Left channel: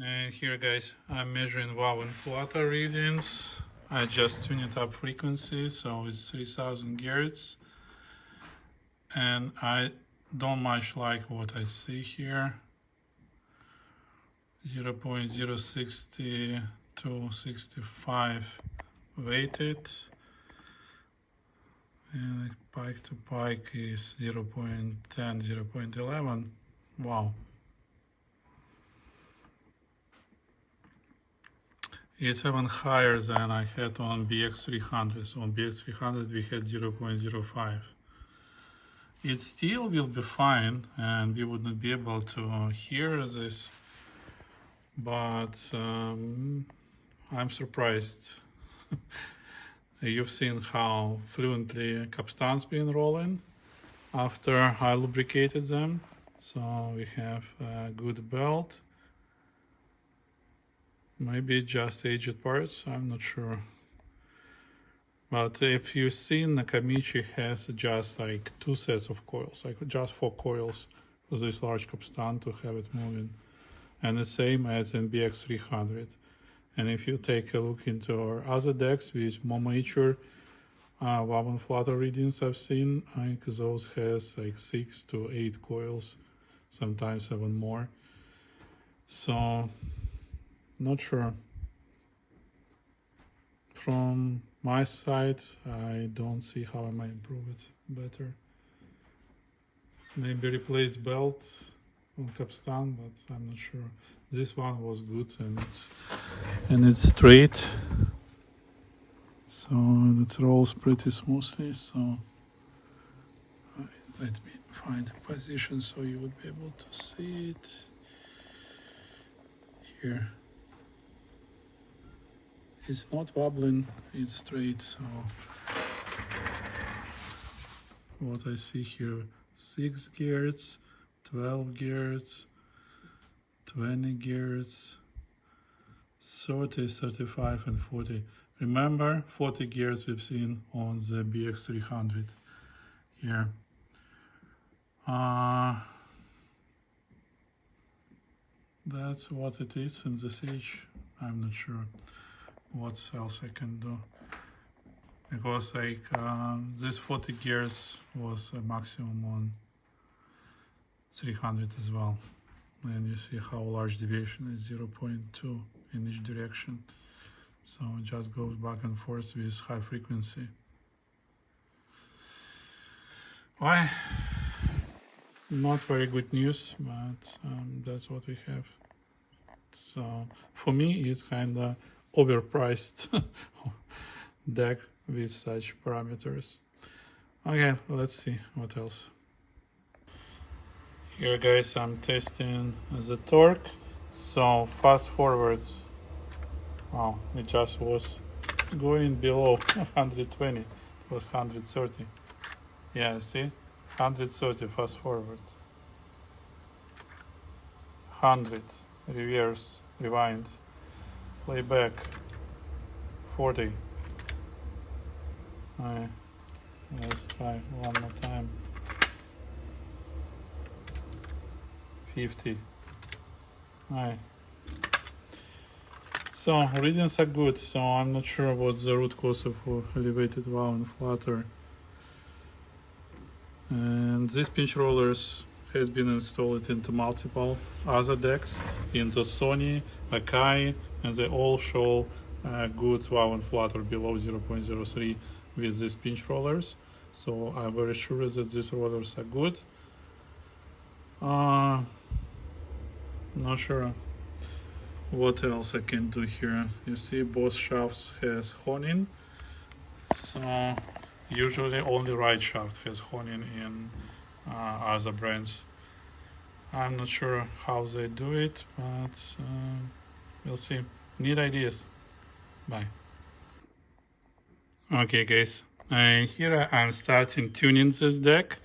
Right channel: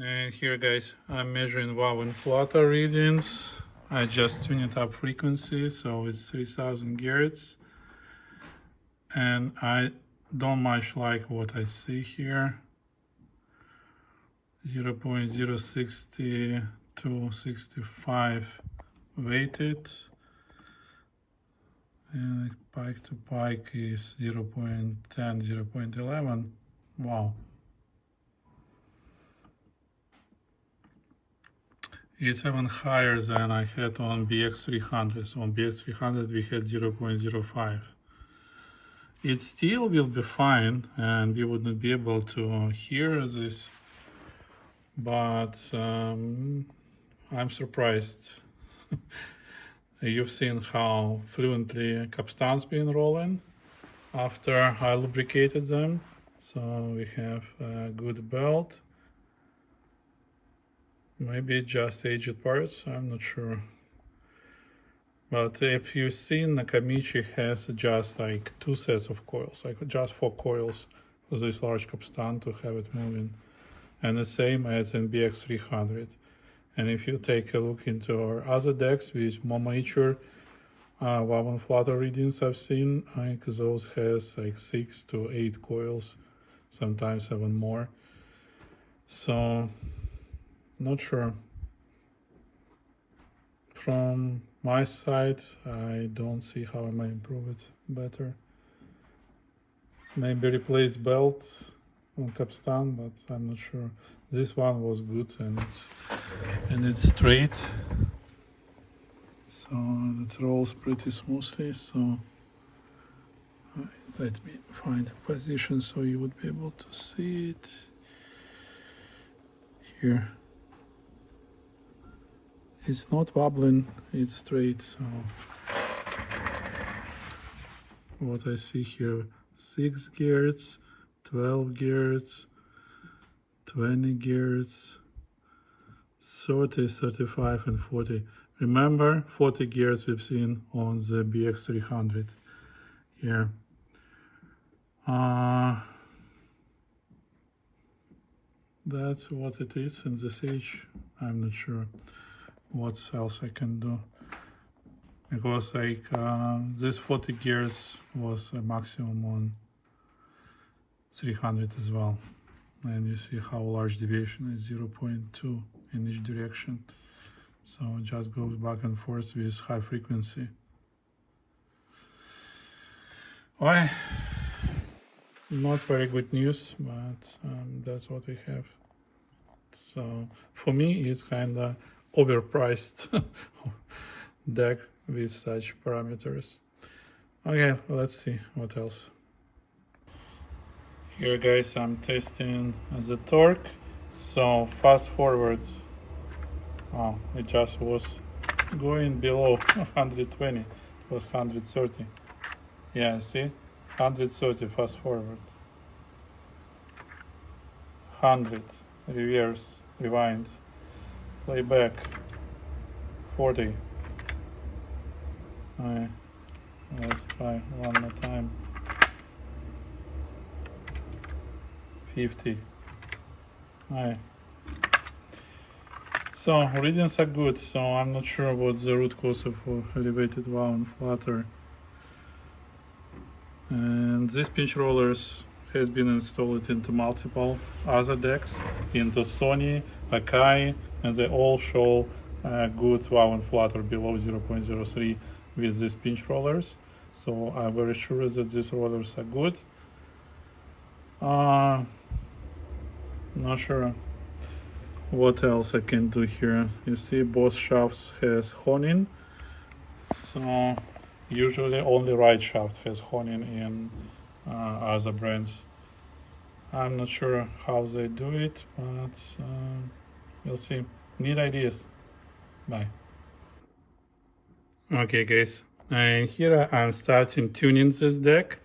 And here guys, I'm measuring wow and flutter readings. I just tuned up frequency, so it's 3000 Hz. And I don't much like what I see here. 0.060 to 65 weighted. And pike to pike is 0.10, 0.11. Wow. It's even higher than I had on BX300. So on BX300 we had 0.05. It still will be fine and we wouldn't be able to hear this, but I'm surprised. You've seen how fluently capstan's been rolling after I lubricated them. So we have a good belt. Maybe just aged parts, I'm not sure. But if you've seen, Nakamichi has just like 2 sets of coils, like just 4 coils for this large capstan to have it moving. And the same as in BX300. And if you take a look into our other decks with more mature wow and flutter readings I've seen, like those has like 6 to 8 coils, sometimes even more. So not sure. From my side, I don't see how I might improve it better. Maybe replace belts on capstan, but I'm not sure. This one was good and it's straight, so it rolls pretty smoothly. So let me find a position so you would be able to see it here. It's not wobbling, it's straight. So what I see here, 6 Hz, 12 Hz, 20 Hz, 30, 35 and 40. Remember, 40 Hz we've seen on the BX300 here. That's what it is in this age. I'm not sure what else I can do, because like this 40 Hz was a maximum on 300 as well, and you see how large deviation is 0.2 in each direction. So it just goes back and forth with high frequency. Why? Not very good news, but that's what we have. So for me, it's kind of overpriced deck with such parameters. Okay, let's see what else. Here guys, I'm testing the torque. So fast forward, wow, it just was going below 120. It was 130. Yeah, see, 130 fast forward, 100 reverse, rewind, playback, 40. Alright, let's try one more time. 50. Alright. So readings are good, so I'm not sure what's the root cause of elevated wow and flutter. And these pinch rollers has been installed into multiple other decks, into Sony, Akai, and they all show good wow and flutter below 0.03 with these pinch rollers. So I'm very sure that these rollers are good. Not sure what else I can do here. You see both shafts has honing, so usually only right shaft has honing in other brands. I'm not sure how they do it, but we'll see. Need ideas. Bye. Okay guys, here I'm starting tuning this deck.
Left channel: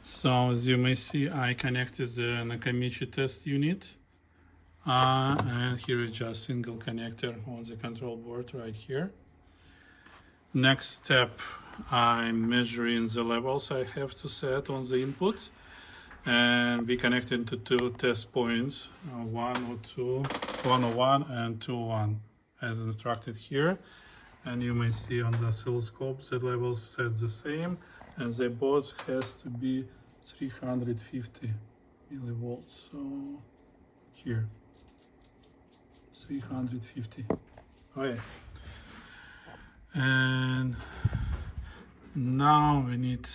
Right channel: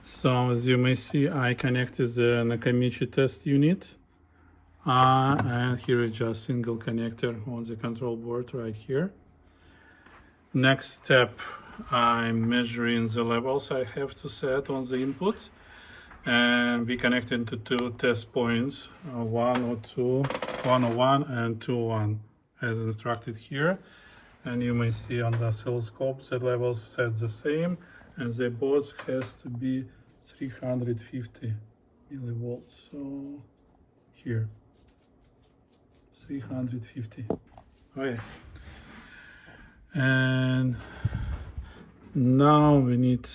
So as you may see, I connected the Nakamichi test unit. And here is just single connector on the control board right here. Next step, I'm measuring the levels I have to set on the input. And we connected to two test points, 102, 101 and 201 as instructed here. And you may see on the oscilloscope the levels set the same, and the both has to be 350 millivolts. So here 350. Okay, and now we need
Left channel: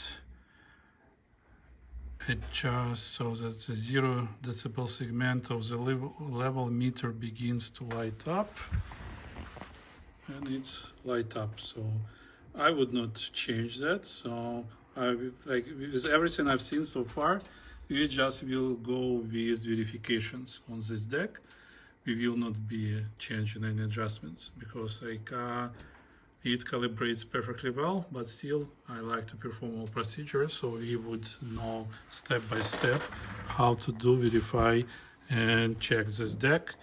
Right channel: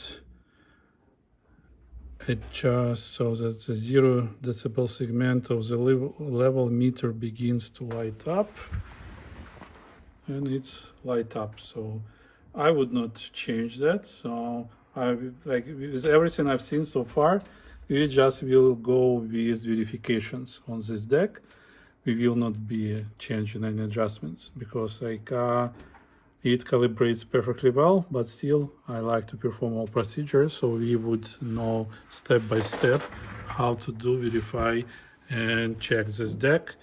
adjust so that the 0 decibel segment of the level meter begins to light up, and it's light up. So I would not change that. So I like with everything I've seen so far, we just will go with verifications on this deck. We will not be changing any adjustments because like it calibrates perfectly well, but still I like to perform all procedures so we would know step by step how to do, verify and check this deck.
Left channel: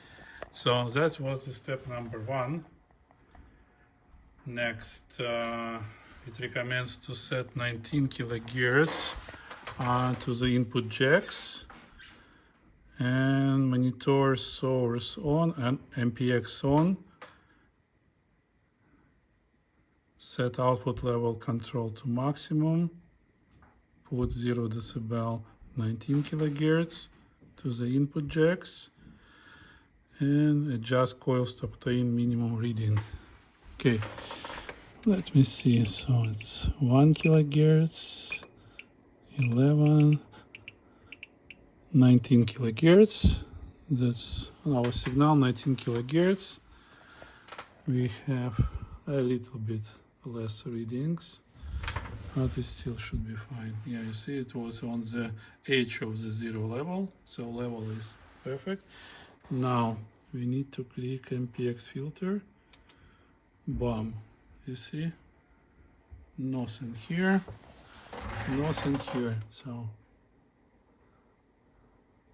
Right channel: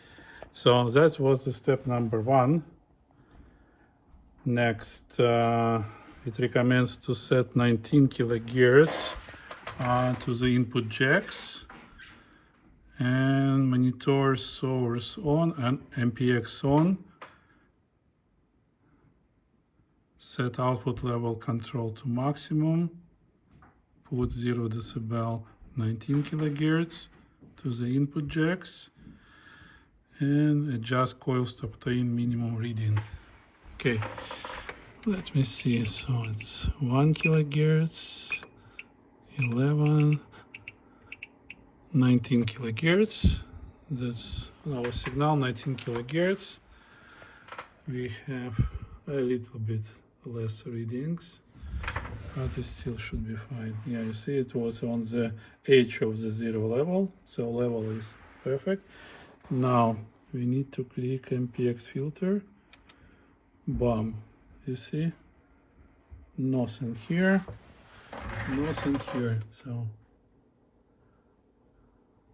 So that was the step number 1. Next, it recommends to set 19 kilohertz to the input jacks and monitor source on and MPX on. Set output level control to maximum. Put 0 decibel 19 kilohertz to the input jacks and adjust coils to obtain minimum reading. Okay, let me see. So it's 1 kilohertz, 11, 19 kilohertz. That's our signal, 19 kilohertz. We have a little bit less readings, but it still should be fine. Yeah, you see it was on the edge of the 0 level, so level is perfect. Now we need to click MPX filter. Bam, you see, nothing here, nothing here. So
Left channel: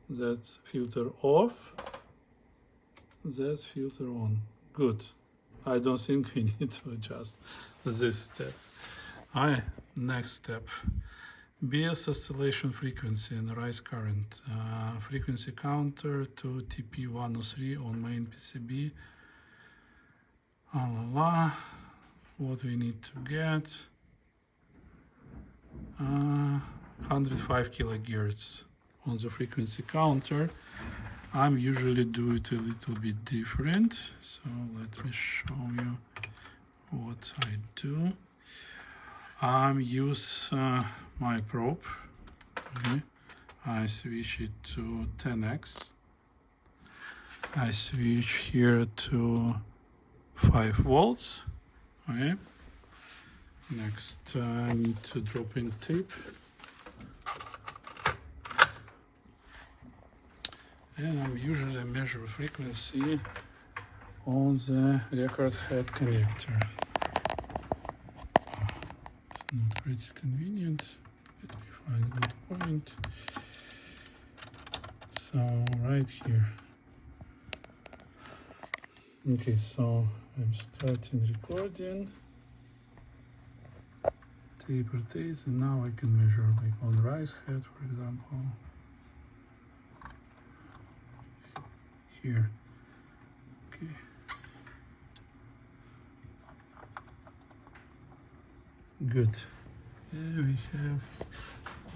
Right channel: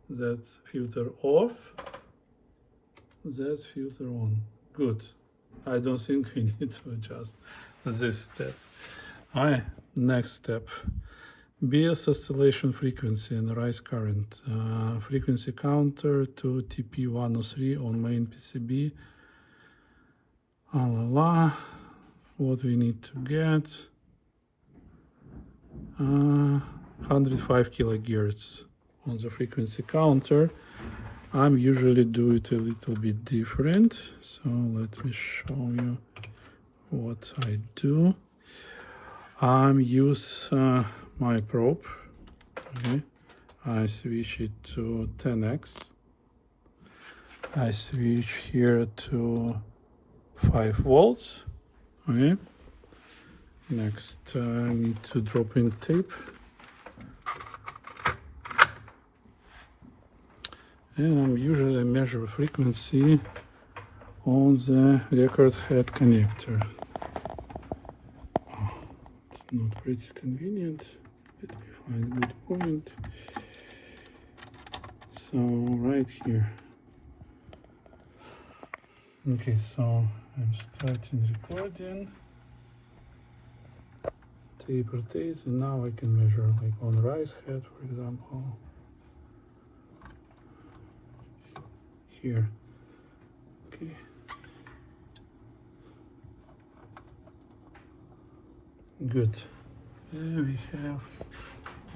that's filter off, that's filter on. Good. I don't think we need to adjust this step. Alright, next step. BS oscillation frequency and rise current. Frequency counter to TP103 on main PCB. What we need to get? 105 kilohertz on the frequency counter. I'm usually do it a little bit different, so let me show you what I do. I use my probe. Okay. I switch it to 10x. I switch here to 5 volts. Okay. Next, I need to drop in tape. And I'm usually measure frequency on the record head connector. Oh, it's not pretty convenient. Let me find a good point. So right here. Okay, so I'm starting recording. Tape rotates, and now I can measure like on rise head, for example. Here. Okay. Good. And we have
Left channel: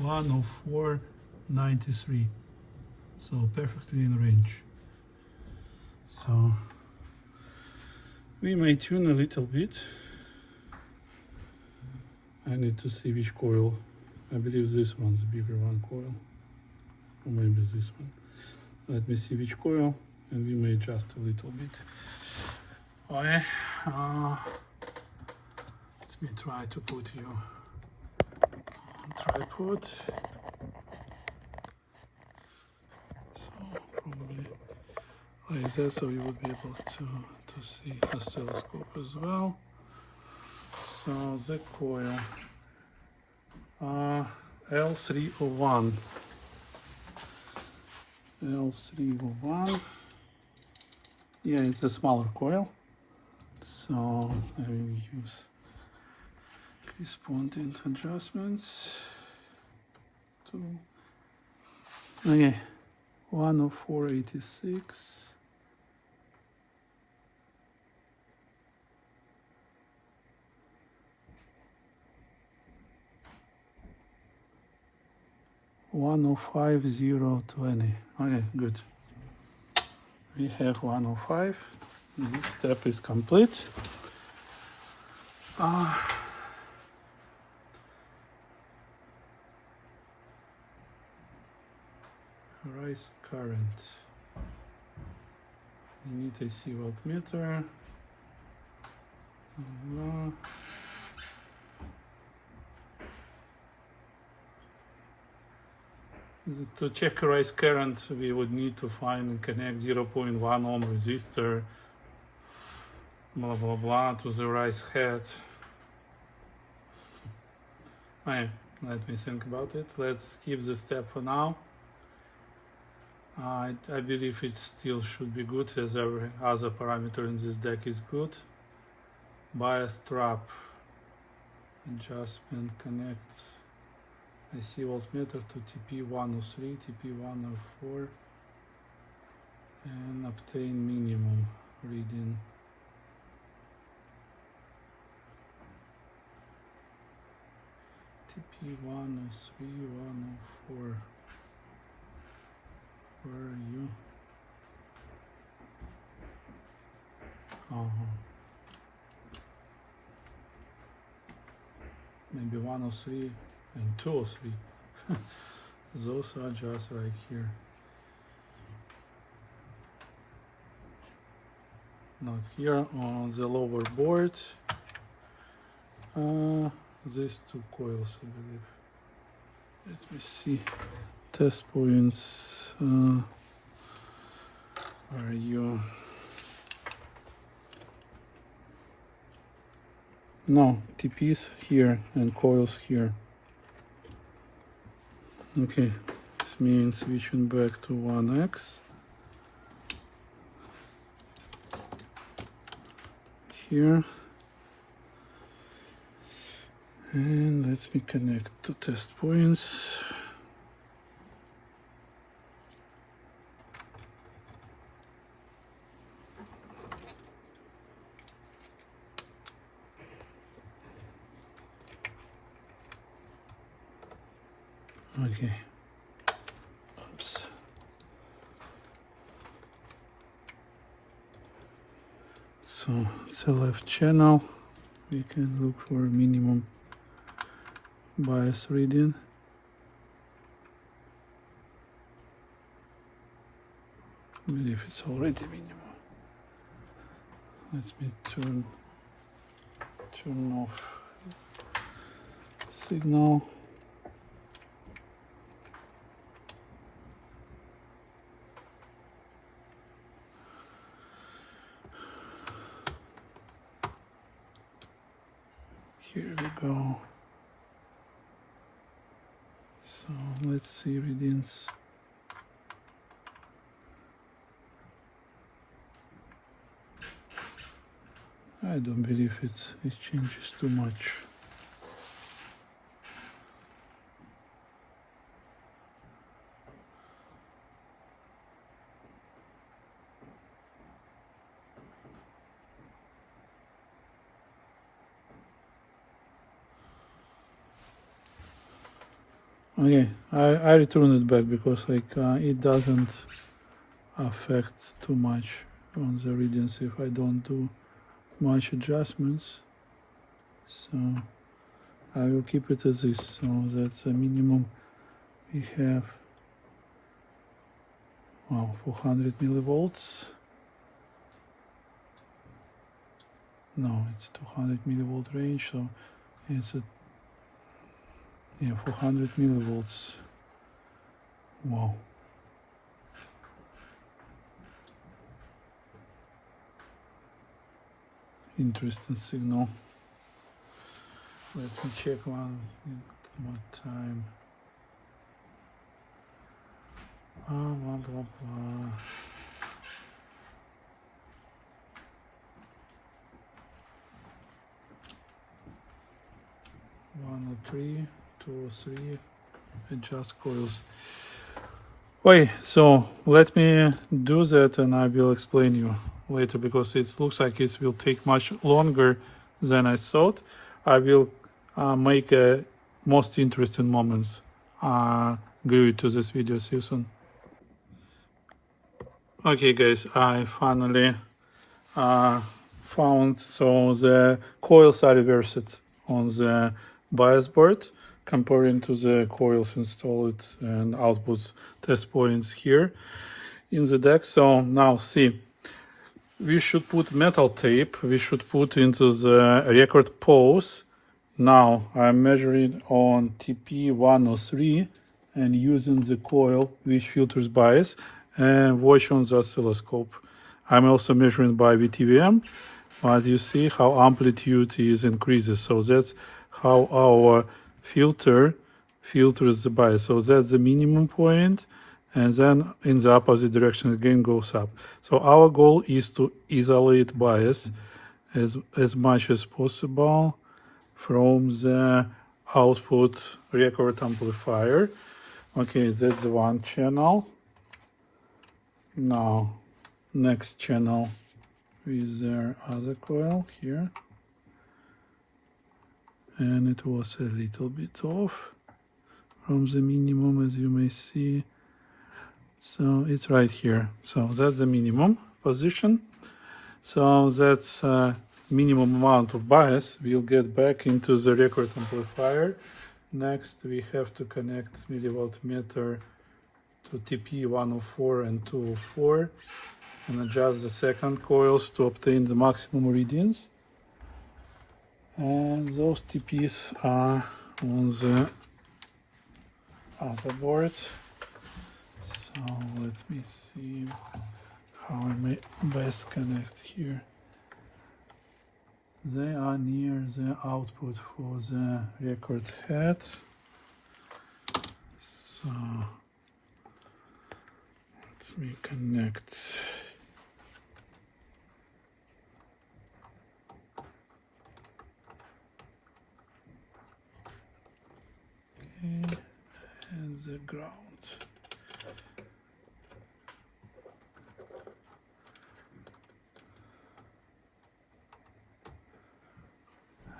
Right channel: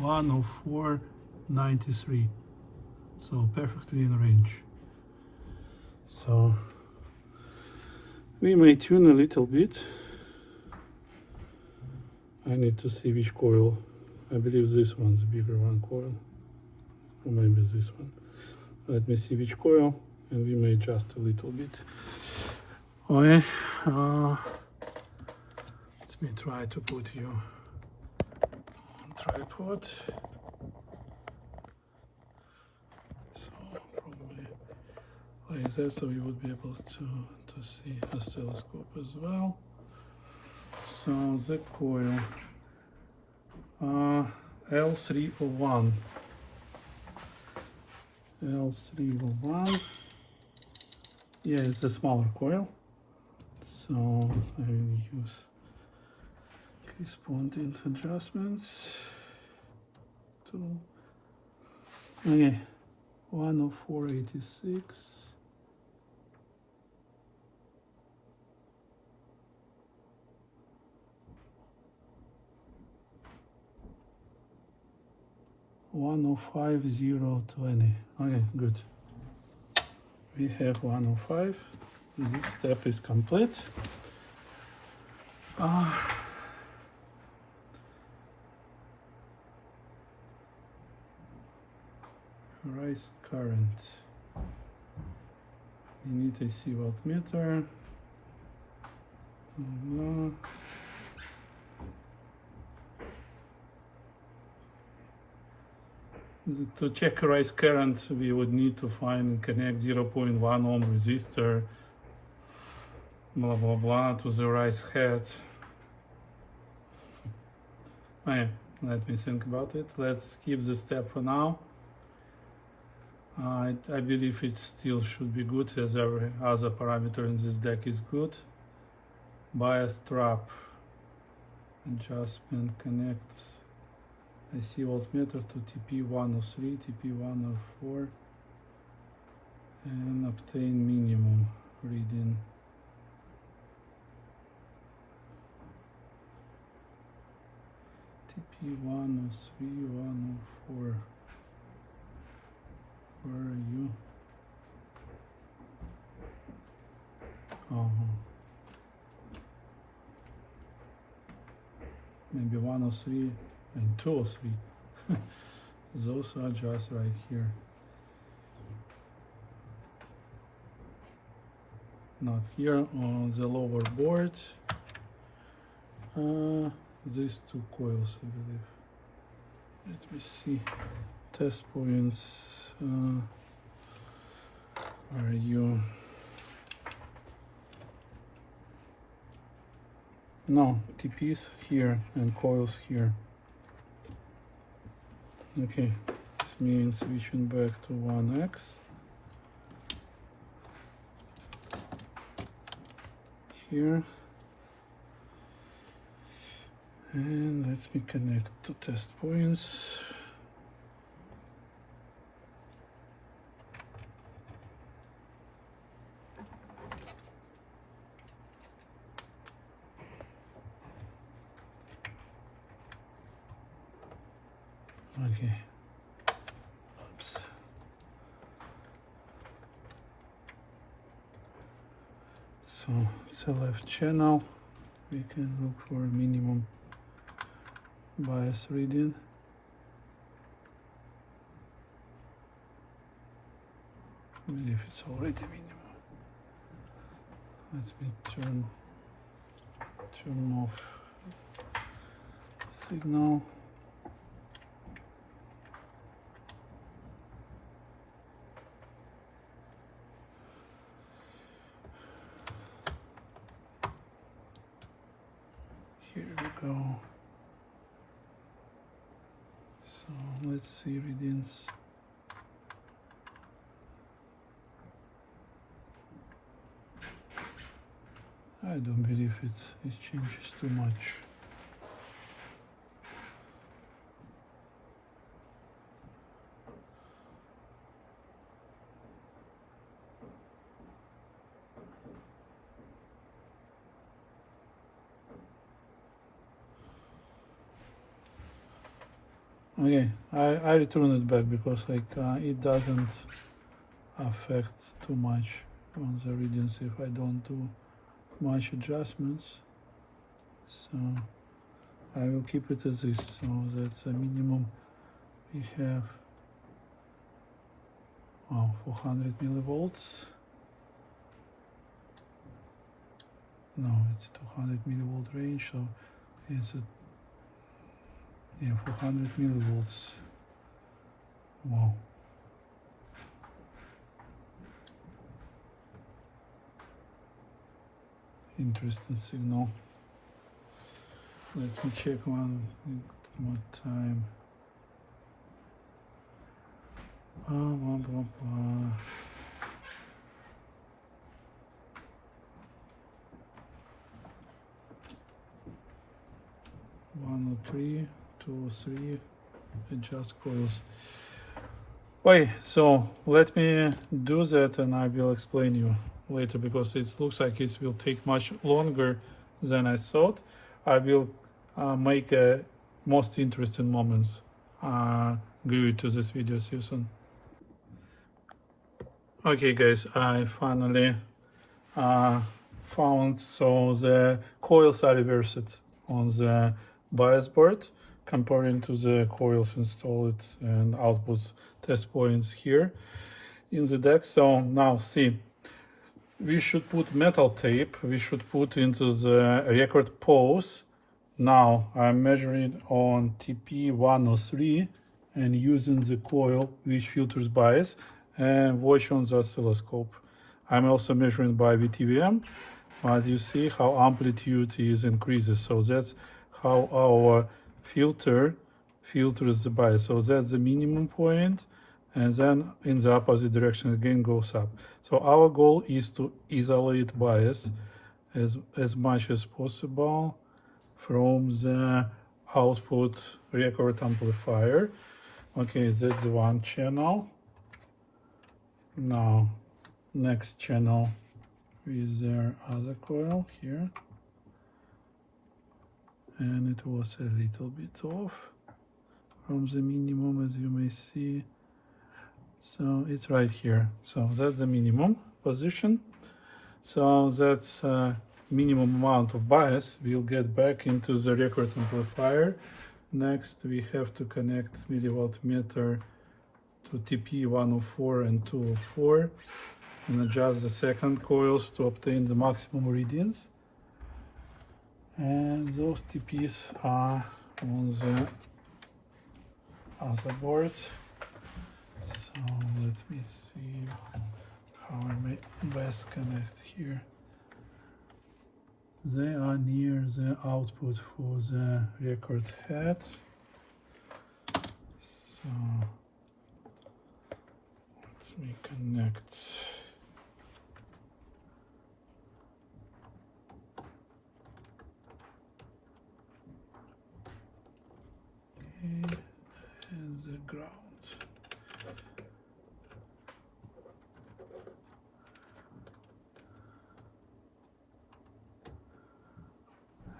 104.93. So perfectly in range. So we may tune a little bit. I need to see which coil. I believe this one's the bigger one coil. Or maybe this one. Let me see which coil. And we may adjust a little bit. Okay, let me try to put you on tripod. So probably like that, so you would be able to see the oscilloscope as well. So the coil L301. L301. Yeah, it's a smaller coil, so I will use corresponding adjustments to Okay, 104.86. $105.020. Okay, good. We have 105. This step is complete. Rise current. You need AC voltmeter. Blah. To check rise current, we would need to find and connect 0.1 ohm resistor, blah blah blah, to the rise head. Okay, let me think about it. Let's skip the step for now. I believe it still should be good, as every other parameter in this deck is good. Bias trap adjustment connects IC voltmeter to TP103, TP104, and obtain minimum reading. TP103, 104. Where are you? Maybe 103 and 203. Those are just right here. Not here on the lower board. These two coils, I believe. Let me see. Test points. Are you? No, TPs here and coils here. Okay, this means switching back to 1x. Here. And let me connect to test points. Okay. Oops. So it's the left channel. We can look for minimum bias reading. I believe it's already minimum. Let me turn off signal. Here we go. So let's see readings. I don't believe it changes too much. Okay, I return it back because it doesn't affect too much on the readings if I don't do much adjustments. So I will keep it as is. So that's a minimum. We have 400 millivolts. No, it's 200 millivolt range. So it's 400 millivolts. Wow. Interesting signal. Let me check one more time. Blah blah blah. 103, 203, adjust coils. Wait, so let me do that and I will explain you later because it looks like it will take much longer than I thought. I will make most interesting moments glued to this video. See you soon. Okay guys, I finally found, so the coils are reversed on the bias board comparing to the coils installed and output test points here in the deck. So now see, we should put metal tape, we should put into the record pose. Now I'm measuring on TP103 and using the coil which filters bias and watch on the oscilloscope. I'm also measuring by VTVM, but you see how amplitude is increases. So that's how our filter filters the bias. So that's the minimum point, and then in the opposite direction again goes up. So our goal is to isolate bias as much as possible from the output record amplifier. Okay, that's the one channel. Now next channel with their other coil here, and it was a little bit off from the minimum, as you may see. So it's right here. So that's the minimum position. So that's minimum amount of bias we'll get back into the record amplifier. Next we have to connect milliwatt meter to TP 104 and 204 and adjust the second coils to obtain the maximum readings. And those TPs are on the other board. So let me see how I may best connect here. They are near the output for the record head. So let me connect. Okay, and the ground.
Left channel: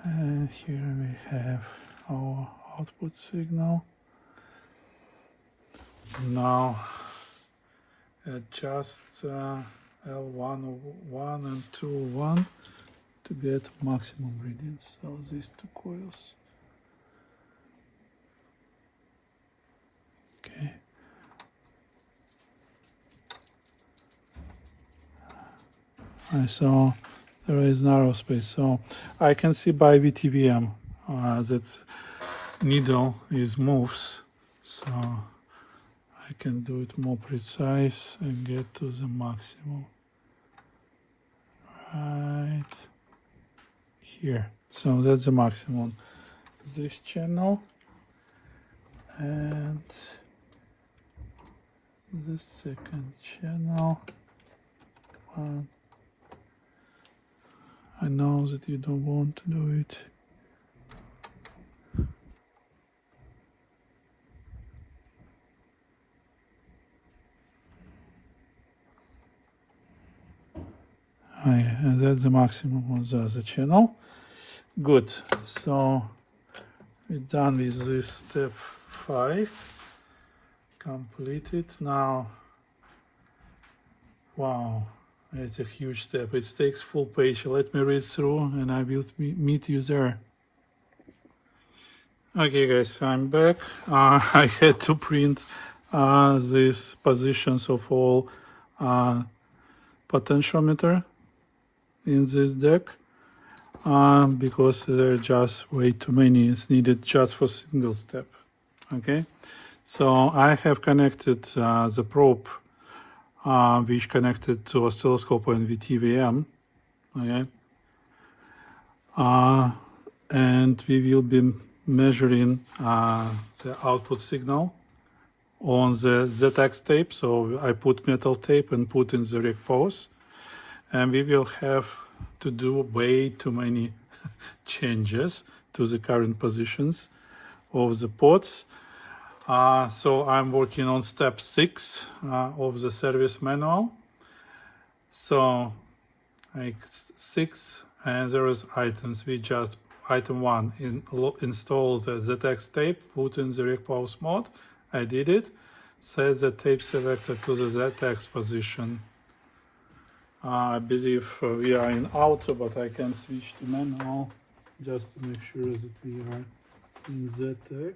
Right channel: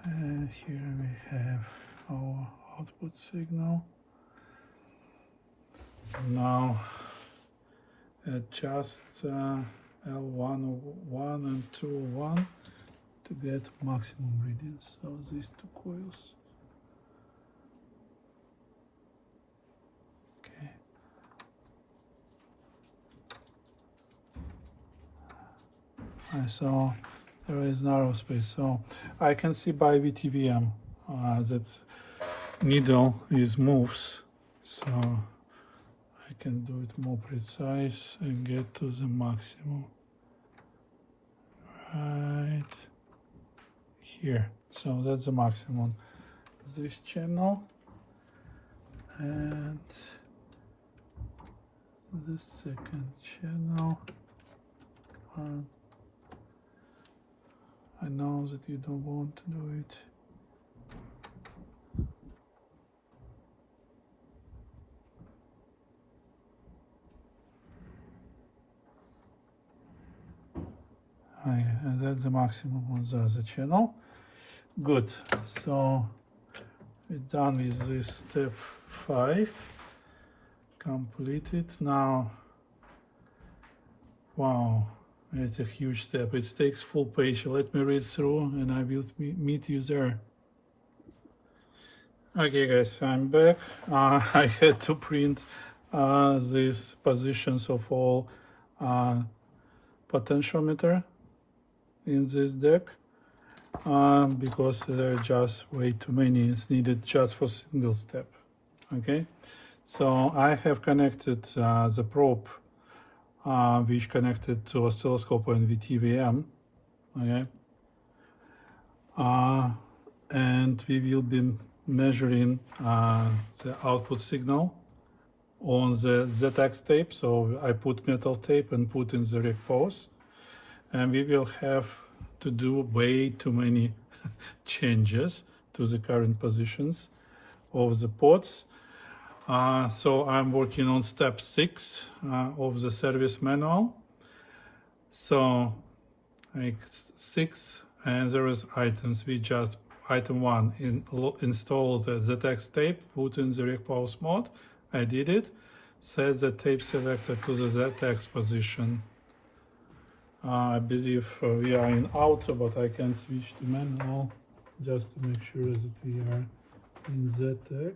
And here we have our output signal. Now adjust L101 and 201 to get maximum readings. So these two coils. Okay. So there is narrow space. So I can see by VTVM that needle is moves. So I can do it more precise and get to the maximum right here. So that's the maximum. This channel and the second channel. And I know that you don't want to do it. Oh, yeah, and that's the maximum of the other channel. Good. So we're done with this step 5. Completed. Now, wow, it's a huge step. It takes full page. Let me read through and I will meet you there. Okay guys, I'm back. I had to print these positions of all potentiometer in this deck because there are just way too many. It's needed just for single step. Okay, so I have connected the probe which connected to oscilloscope and VTVM. Okay, and we will be measuring the output signal on the ZX tape. So I put metal tape and put in the rec pose, and we will have to do way too many changes to the current positions of the pots. So I'm working on step 6 of the service manual. So like 6, and there is items. We just item 1 install the ZX tape, put in the Recpause mode. I did it. Set the tape selector to the ZX position. I believe we are in auto, but I can switch to manual just to make sure that we are in ZX.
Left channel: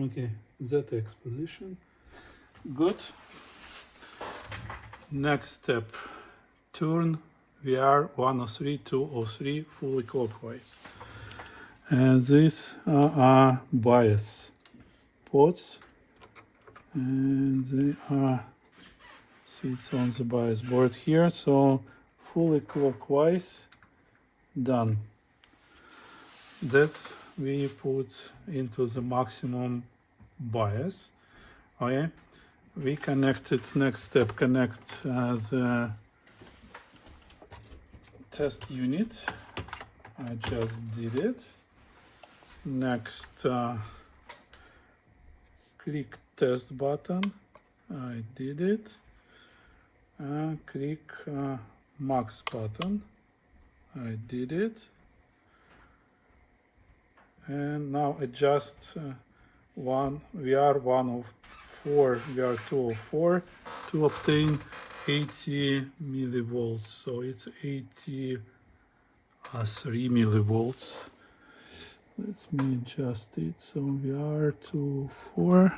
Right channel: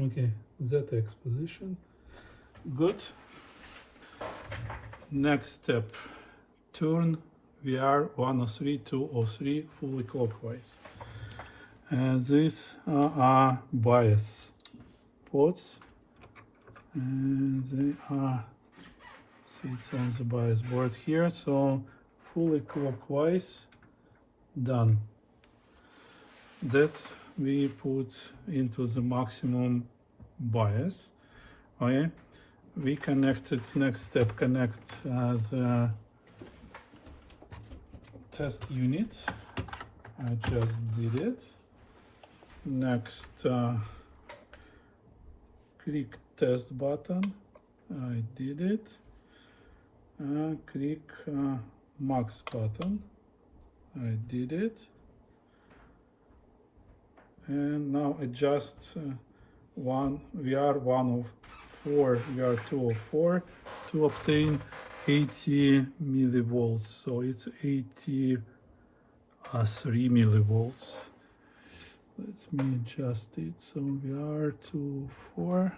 Okay, ZX position. Good. Next step, turn VR 103, 203 fully clockwise. And these are bias ports, and they are sits on the bias board here. So fully clockwise, done. That we put into the maximum bias. Okay, we connected. Next step, connect the test unit. I just did it. Next, click test button. I did it. Click max button. I did it. And now adjust VR 1 of 4, VR 2 of 4 to obtain 80 millivolts. So it's 83 millivolts. Let me adjust it. So VR 2 of 4.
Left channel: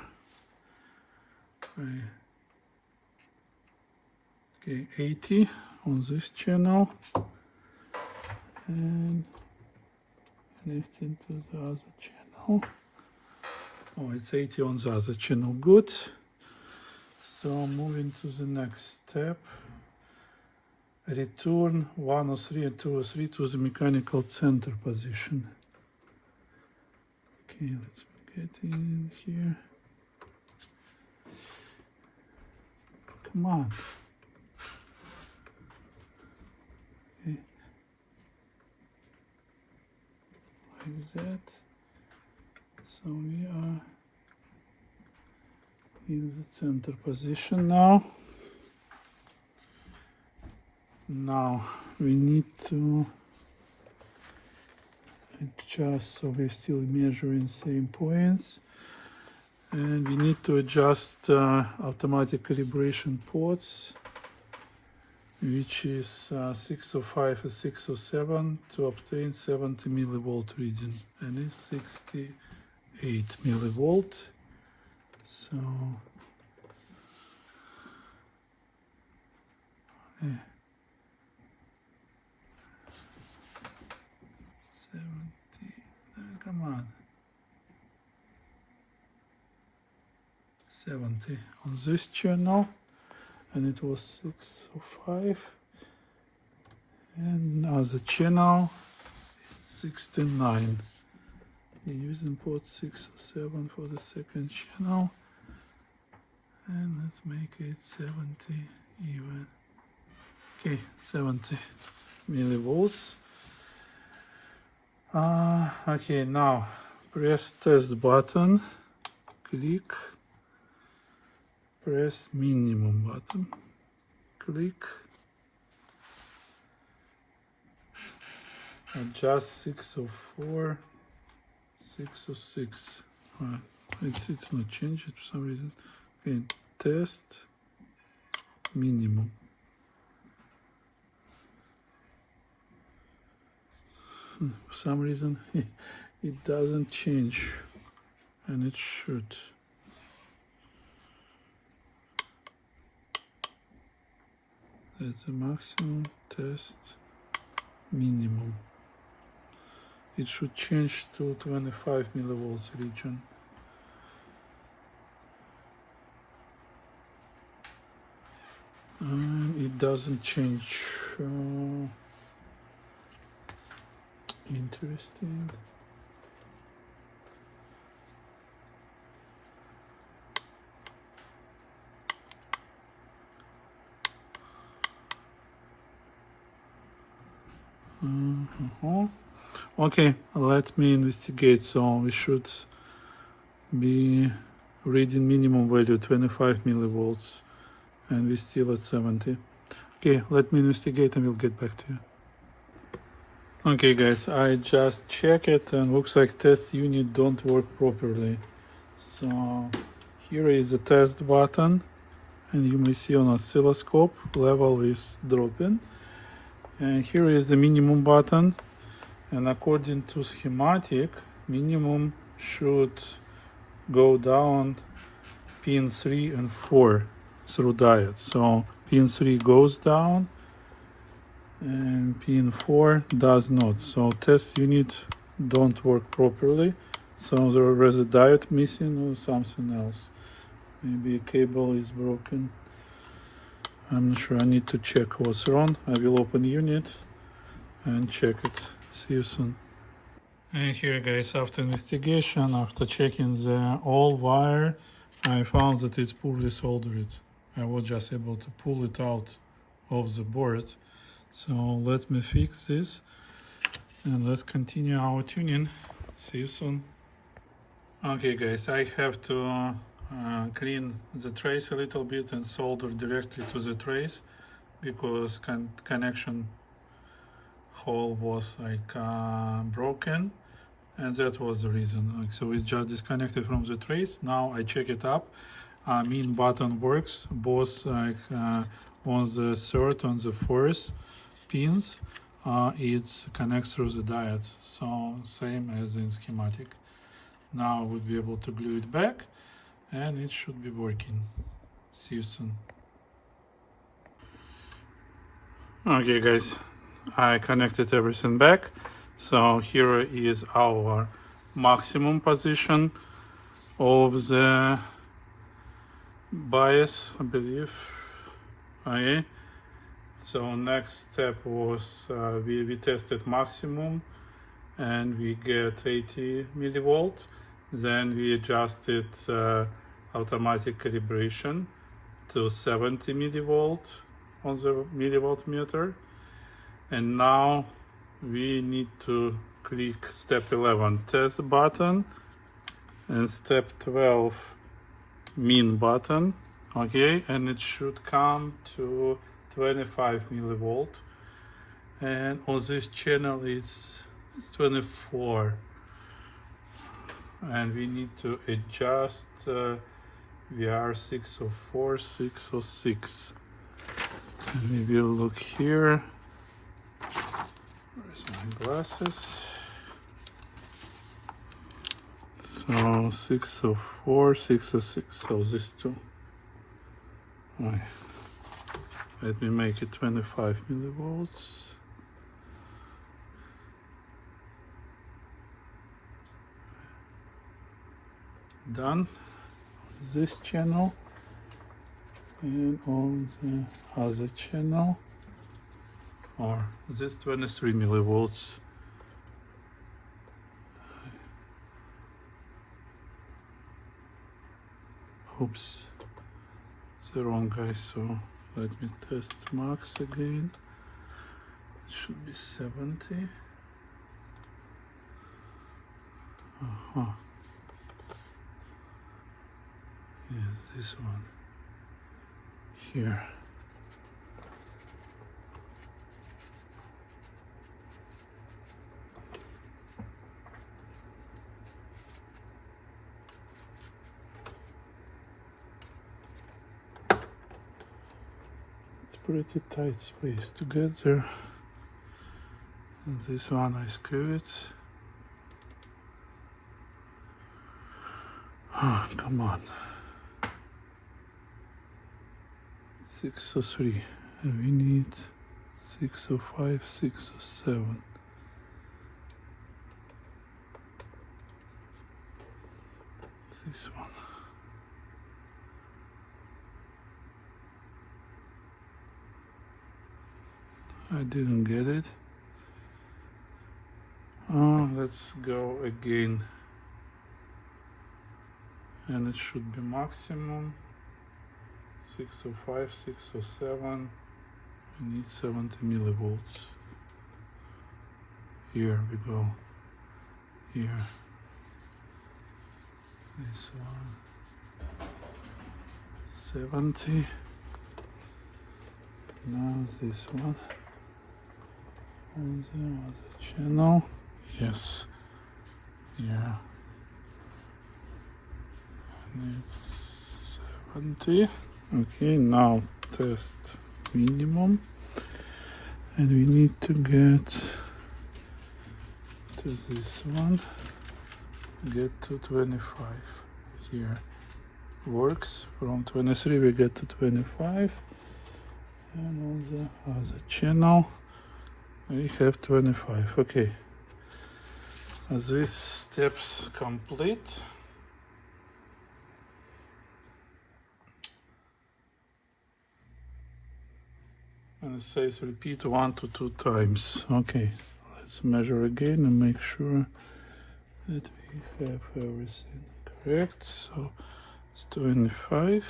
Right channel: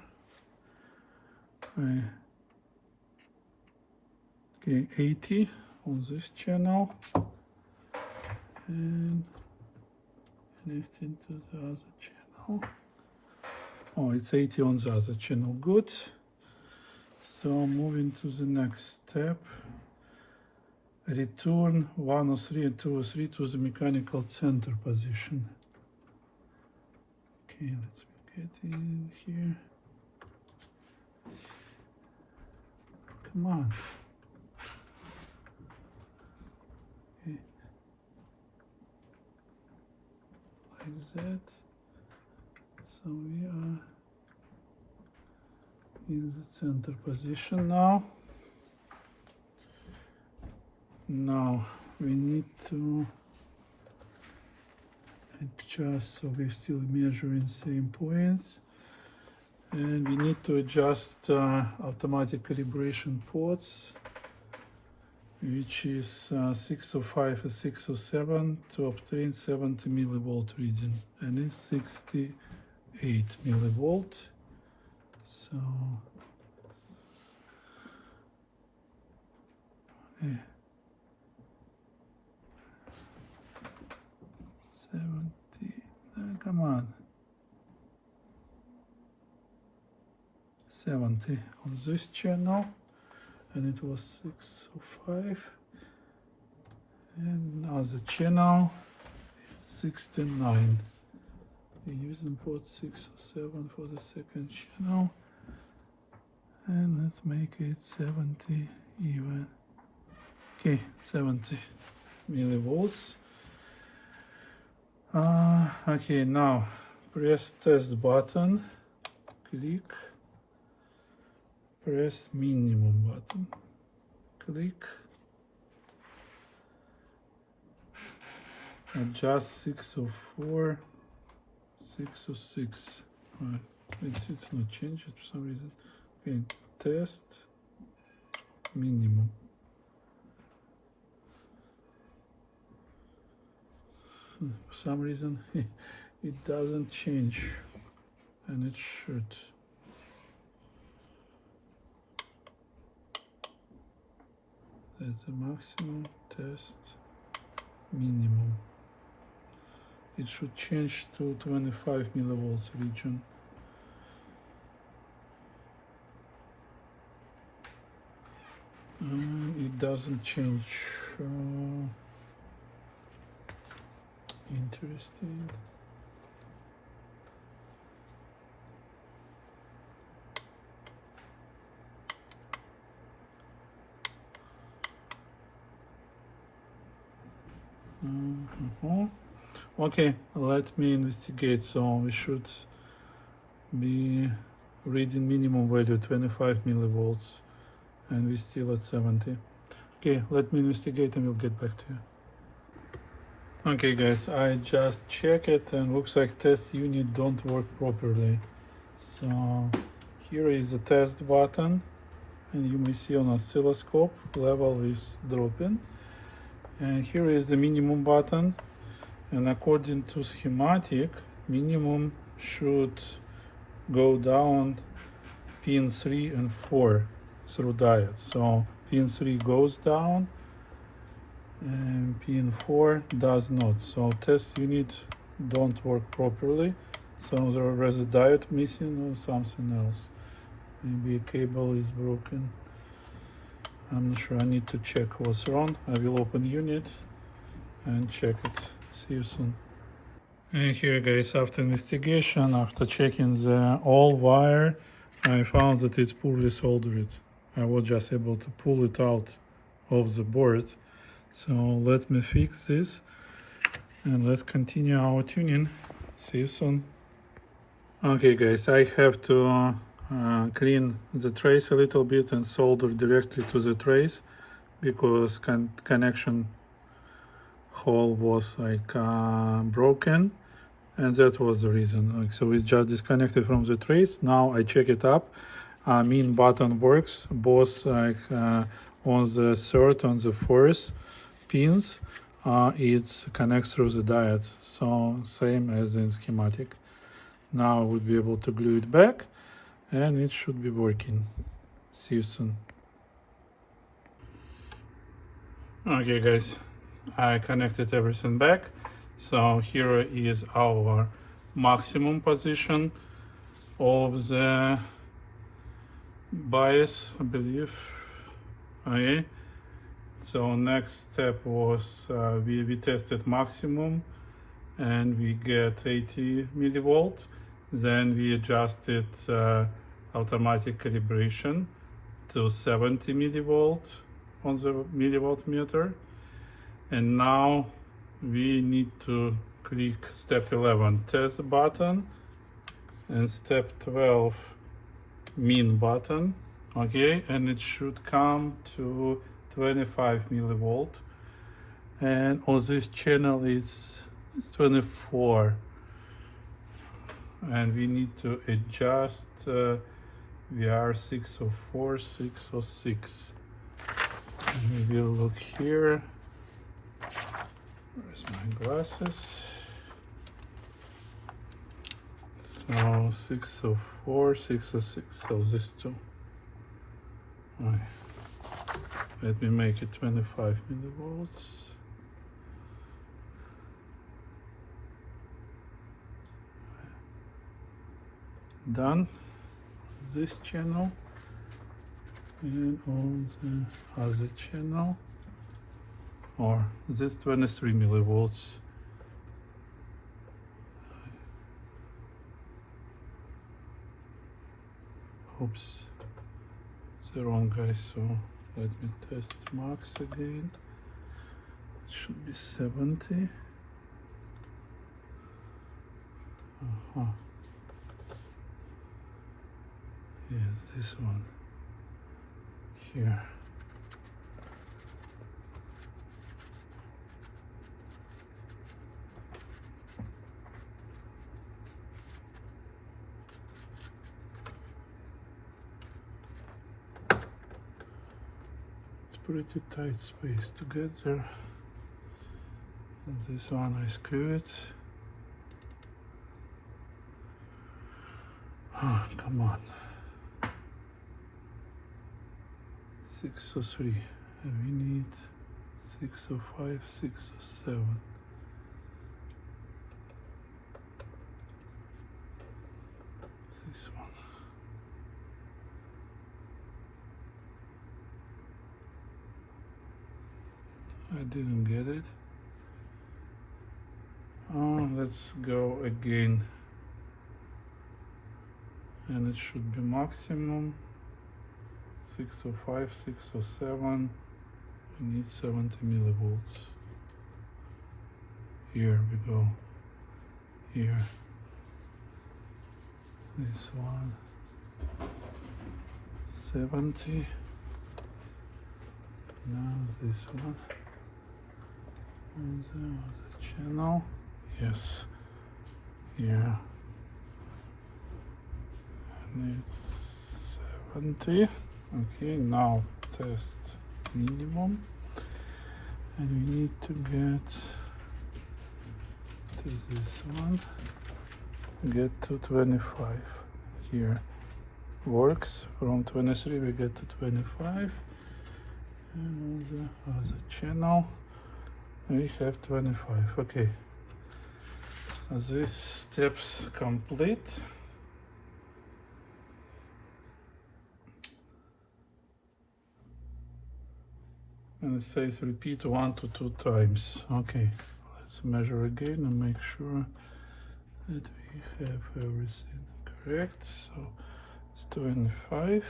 Okay, 80 on this channel. And connecting to the other channel. Oh, it's 80 on the other channel. Good. So moving to the next step. Return 103 and 203 to the mechanical center position. Okay, let's get in here. Come on. Okay. Like that. So we are in the center position now. Now we need to adjust, so we're still measuring same points, and we need to adjust automatic calibration ports, which is 605 and 607 to obtain 70 millivolt reading, and it's 68 millivolt. So yeah. 70, come on, 70 on this channel, and it was 605, and other channel it's 69. We're using port 607 for the second channel, and let's make it 70 even. Okay, 70 millivolts. Okay, now press test button, click, press minimum button, click, adjust 604, 606. It's not changed for some reason. Okay, test minimum. For some reason it doesn't change, and it should. That's the maximum, test minimum. It should change to 25 millivolts region. And it doesn't change. Interesting. Okay, let me investigate. So we should be reading minimum value 25 millivolts, and we're still at 70. Okay, let me investigate and we'll get back to you. Okay guys, I just check it and looks like test unit don't work properly. So here is the test button, and you may see on oscilloscope level is dropping. And here is the minimum button, and according to schematic, minimum should go down pin 3 and 4 through diode. So pin 3 goes down and pin 4 does not. So test unit don't work properly. So there is a diode missing or something else. Maybe a cable is broken. I'm not sure. I need to check what's wrong. I will open unit and check it. See you soon. And here guys, after investigation, after checking the all wire, I found that it's poorly soldered. I was just able to pull it out of the board. So let me fix this and let's continue our tuning. See you soon. Okay guys, I have to clean the trace a little bit and solder directly to the trace because connection hole was like broken, and that was the reason. Like, so it's just disconnected from the trace. Now I check it up. Mean button works both like on the third, on the fourth pins. It connects through the diode, so same as in schematic. Now we'll be able to glue it back and it should be working. See you soon. Okay guys, I connected everything back. So here is our maximum position of the bias, I believe. Okay. So next step was we tested maximum and we get 80 millivolts. Then we adjusted automatic calibration to 70 millivolts on the millivolt meter. And now we need to click step 11 test button and step 12 min button. Okay, and it should come to 25 millivolt, and on this channel it's 24, and we need to adjust VR 604, 606. Maybe we'll look here. Where's my glasses? So 604, 606, so these two. Right. Let me make it 25 millivolts. Done. This channel and on the other channel, or this 23 millivolts. Oops, it's the wrong guy, so let me test max again. It should be 70. Yes, this one here. It's pretty tight space to get there. And this one I screw it. Oh, come on. 603, and we need 605, 607. This one. I didn't get it. Oh, let's go again. And it should be maximum. 605, 607, we need 70 millivolts. Here we go. Here. This one. 70. Now this one. On the other channel. Yes. Yeah. And it's 70. Okay, now test minimum. And we need to get to this one. Get to 25. Here works. From 23 we get to 25. And on the other channel we have 25. Okay. These steps complete. And it says repeat 1 to 2 times. Okay, let's measure again and make sure that we have everything correct. So it's 25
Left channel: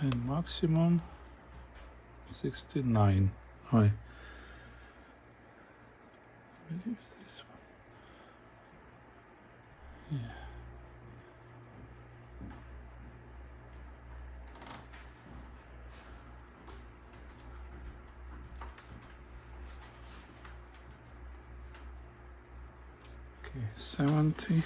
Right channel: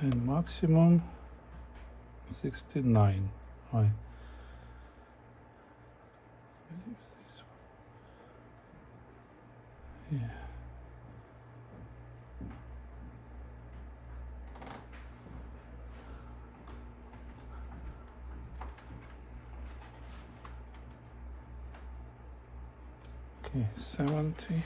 and maximum 69. Right. This one. Yeah. Okay, 70.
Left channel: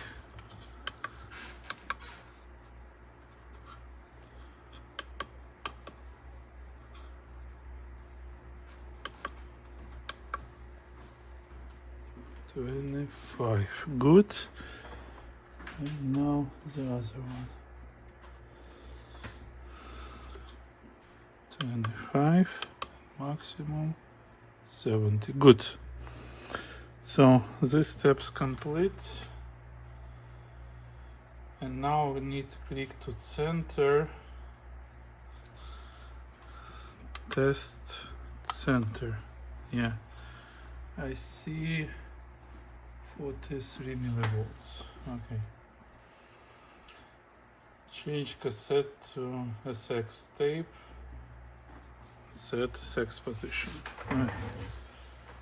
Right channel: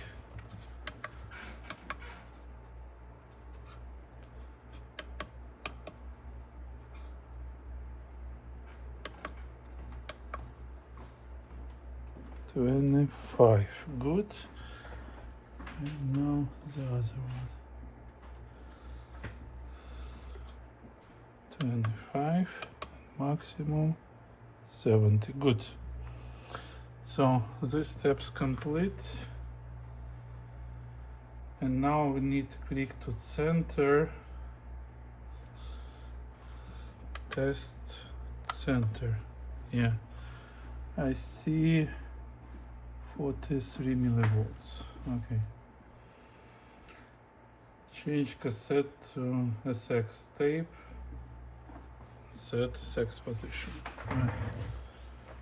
$25. Good. And now the other one. 25. Maximum 70. Good. So this step's complete. And now we need to click to center. Test center. Yeah. I see 43 millivolts. Okay. Change cassette to SX tape. Set SX position. Yeah.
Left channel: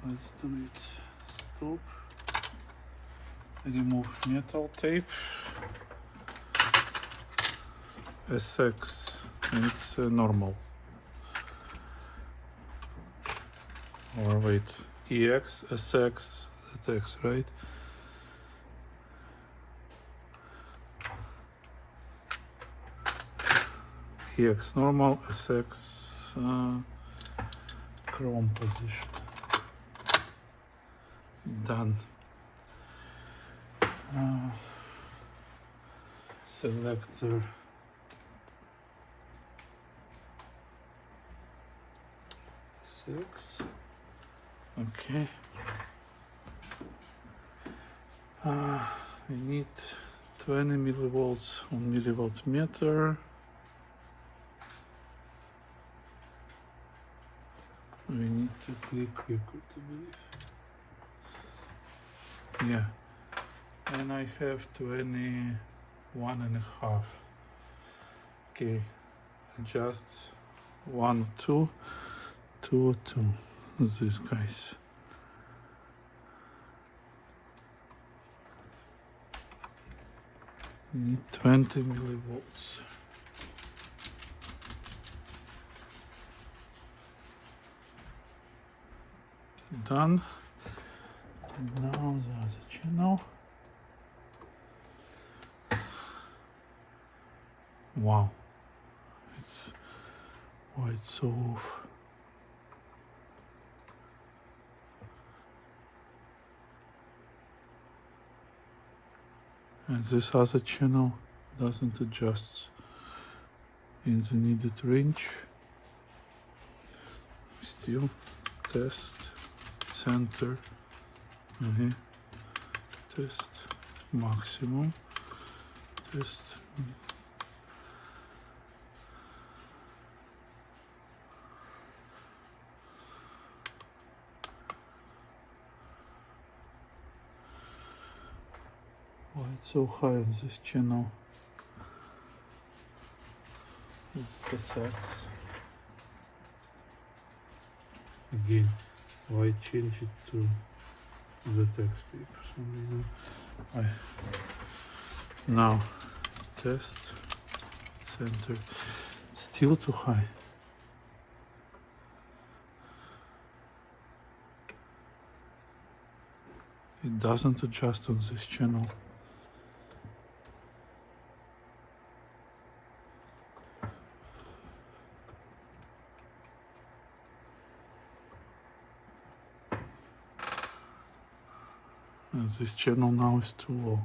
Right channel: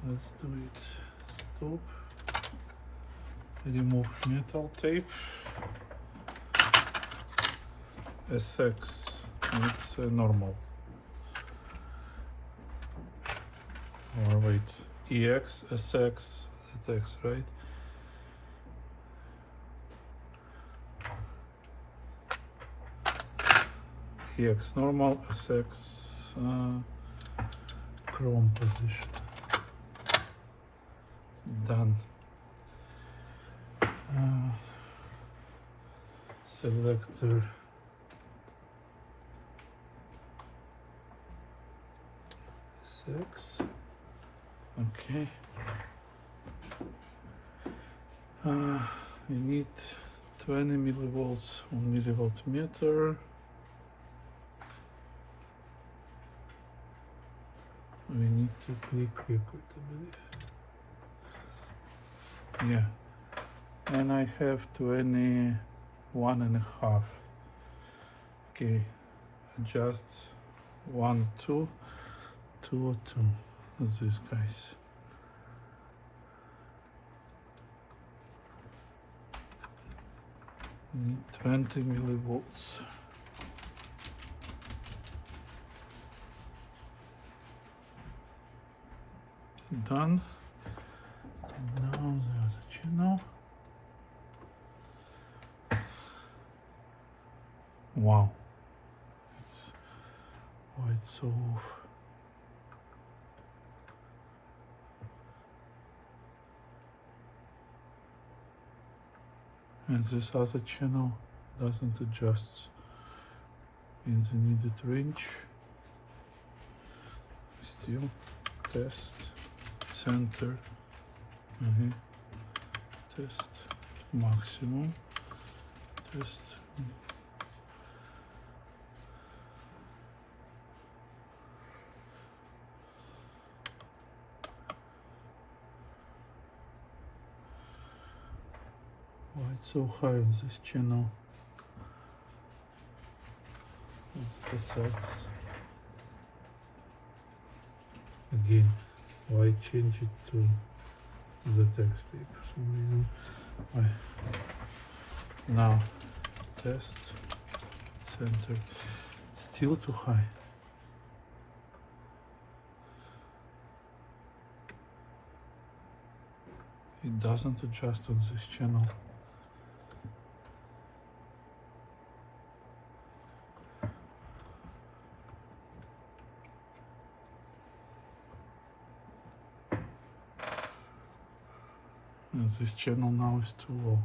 Let's do it. Stop. Remove metal tape. SX. It's normal. Or wait. EX, SX, that's X, right? EX normal, SX chrome position. Done. Selector. Six. Okay. We need 20 millivolts on millivoltmeter. We need to click quick, I believe. Yeah. And I have 21.5. Okay. Adjust 1, 2, 2, 2. These guys. Need 20 millivolts. Done. And now the other channel. Wow. It's so off. And this other channel doesn't adjust in the needed range. Still test center. Test maximum. Test. Why it's so high on this channel? Is the sex again? Why change it to the text tape for some reason? Now test center, still too high. It doesn't adjust on this channel. And this channel now is too low.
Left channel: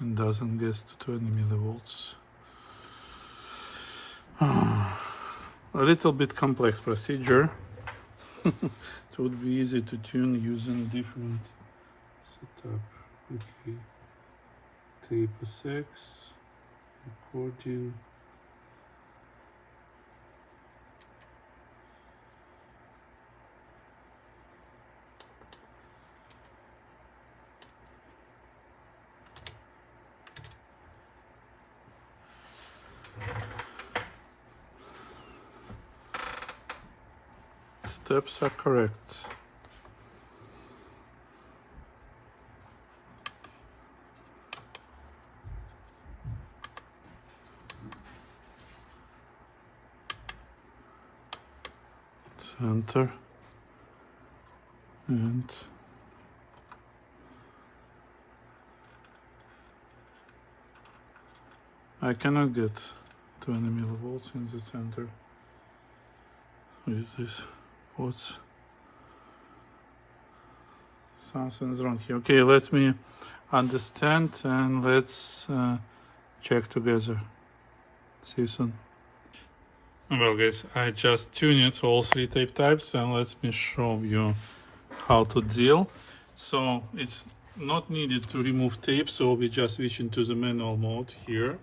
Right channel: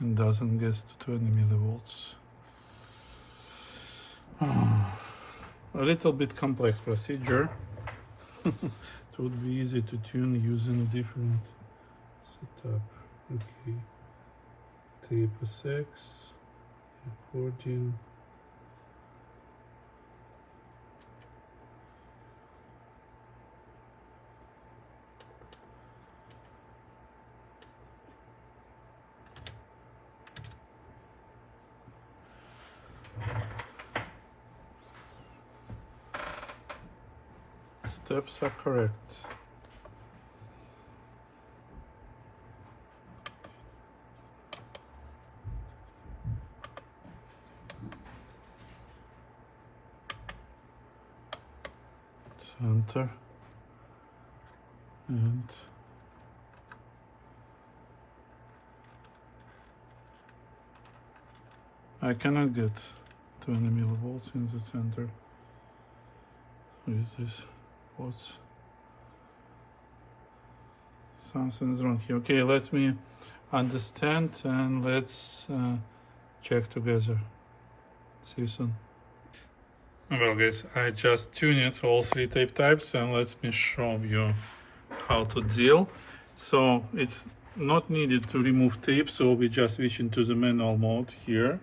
And doesn't get to 20 millivolts. A little bit complex procedure. It would be easy to tune using different setup. Okay, tape SX, recording. Steps are correct. Center and I cannot get 20 millivolts in the center with this. What's something's wrong here? Okay, let me understand and let's check together. See you soon. Well guys, I just tuned all three tape types and let me show you how to deal. So it's not needed to remove tape, so we just switch into the manual mode here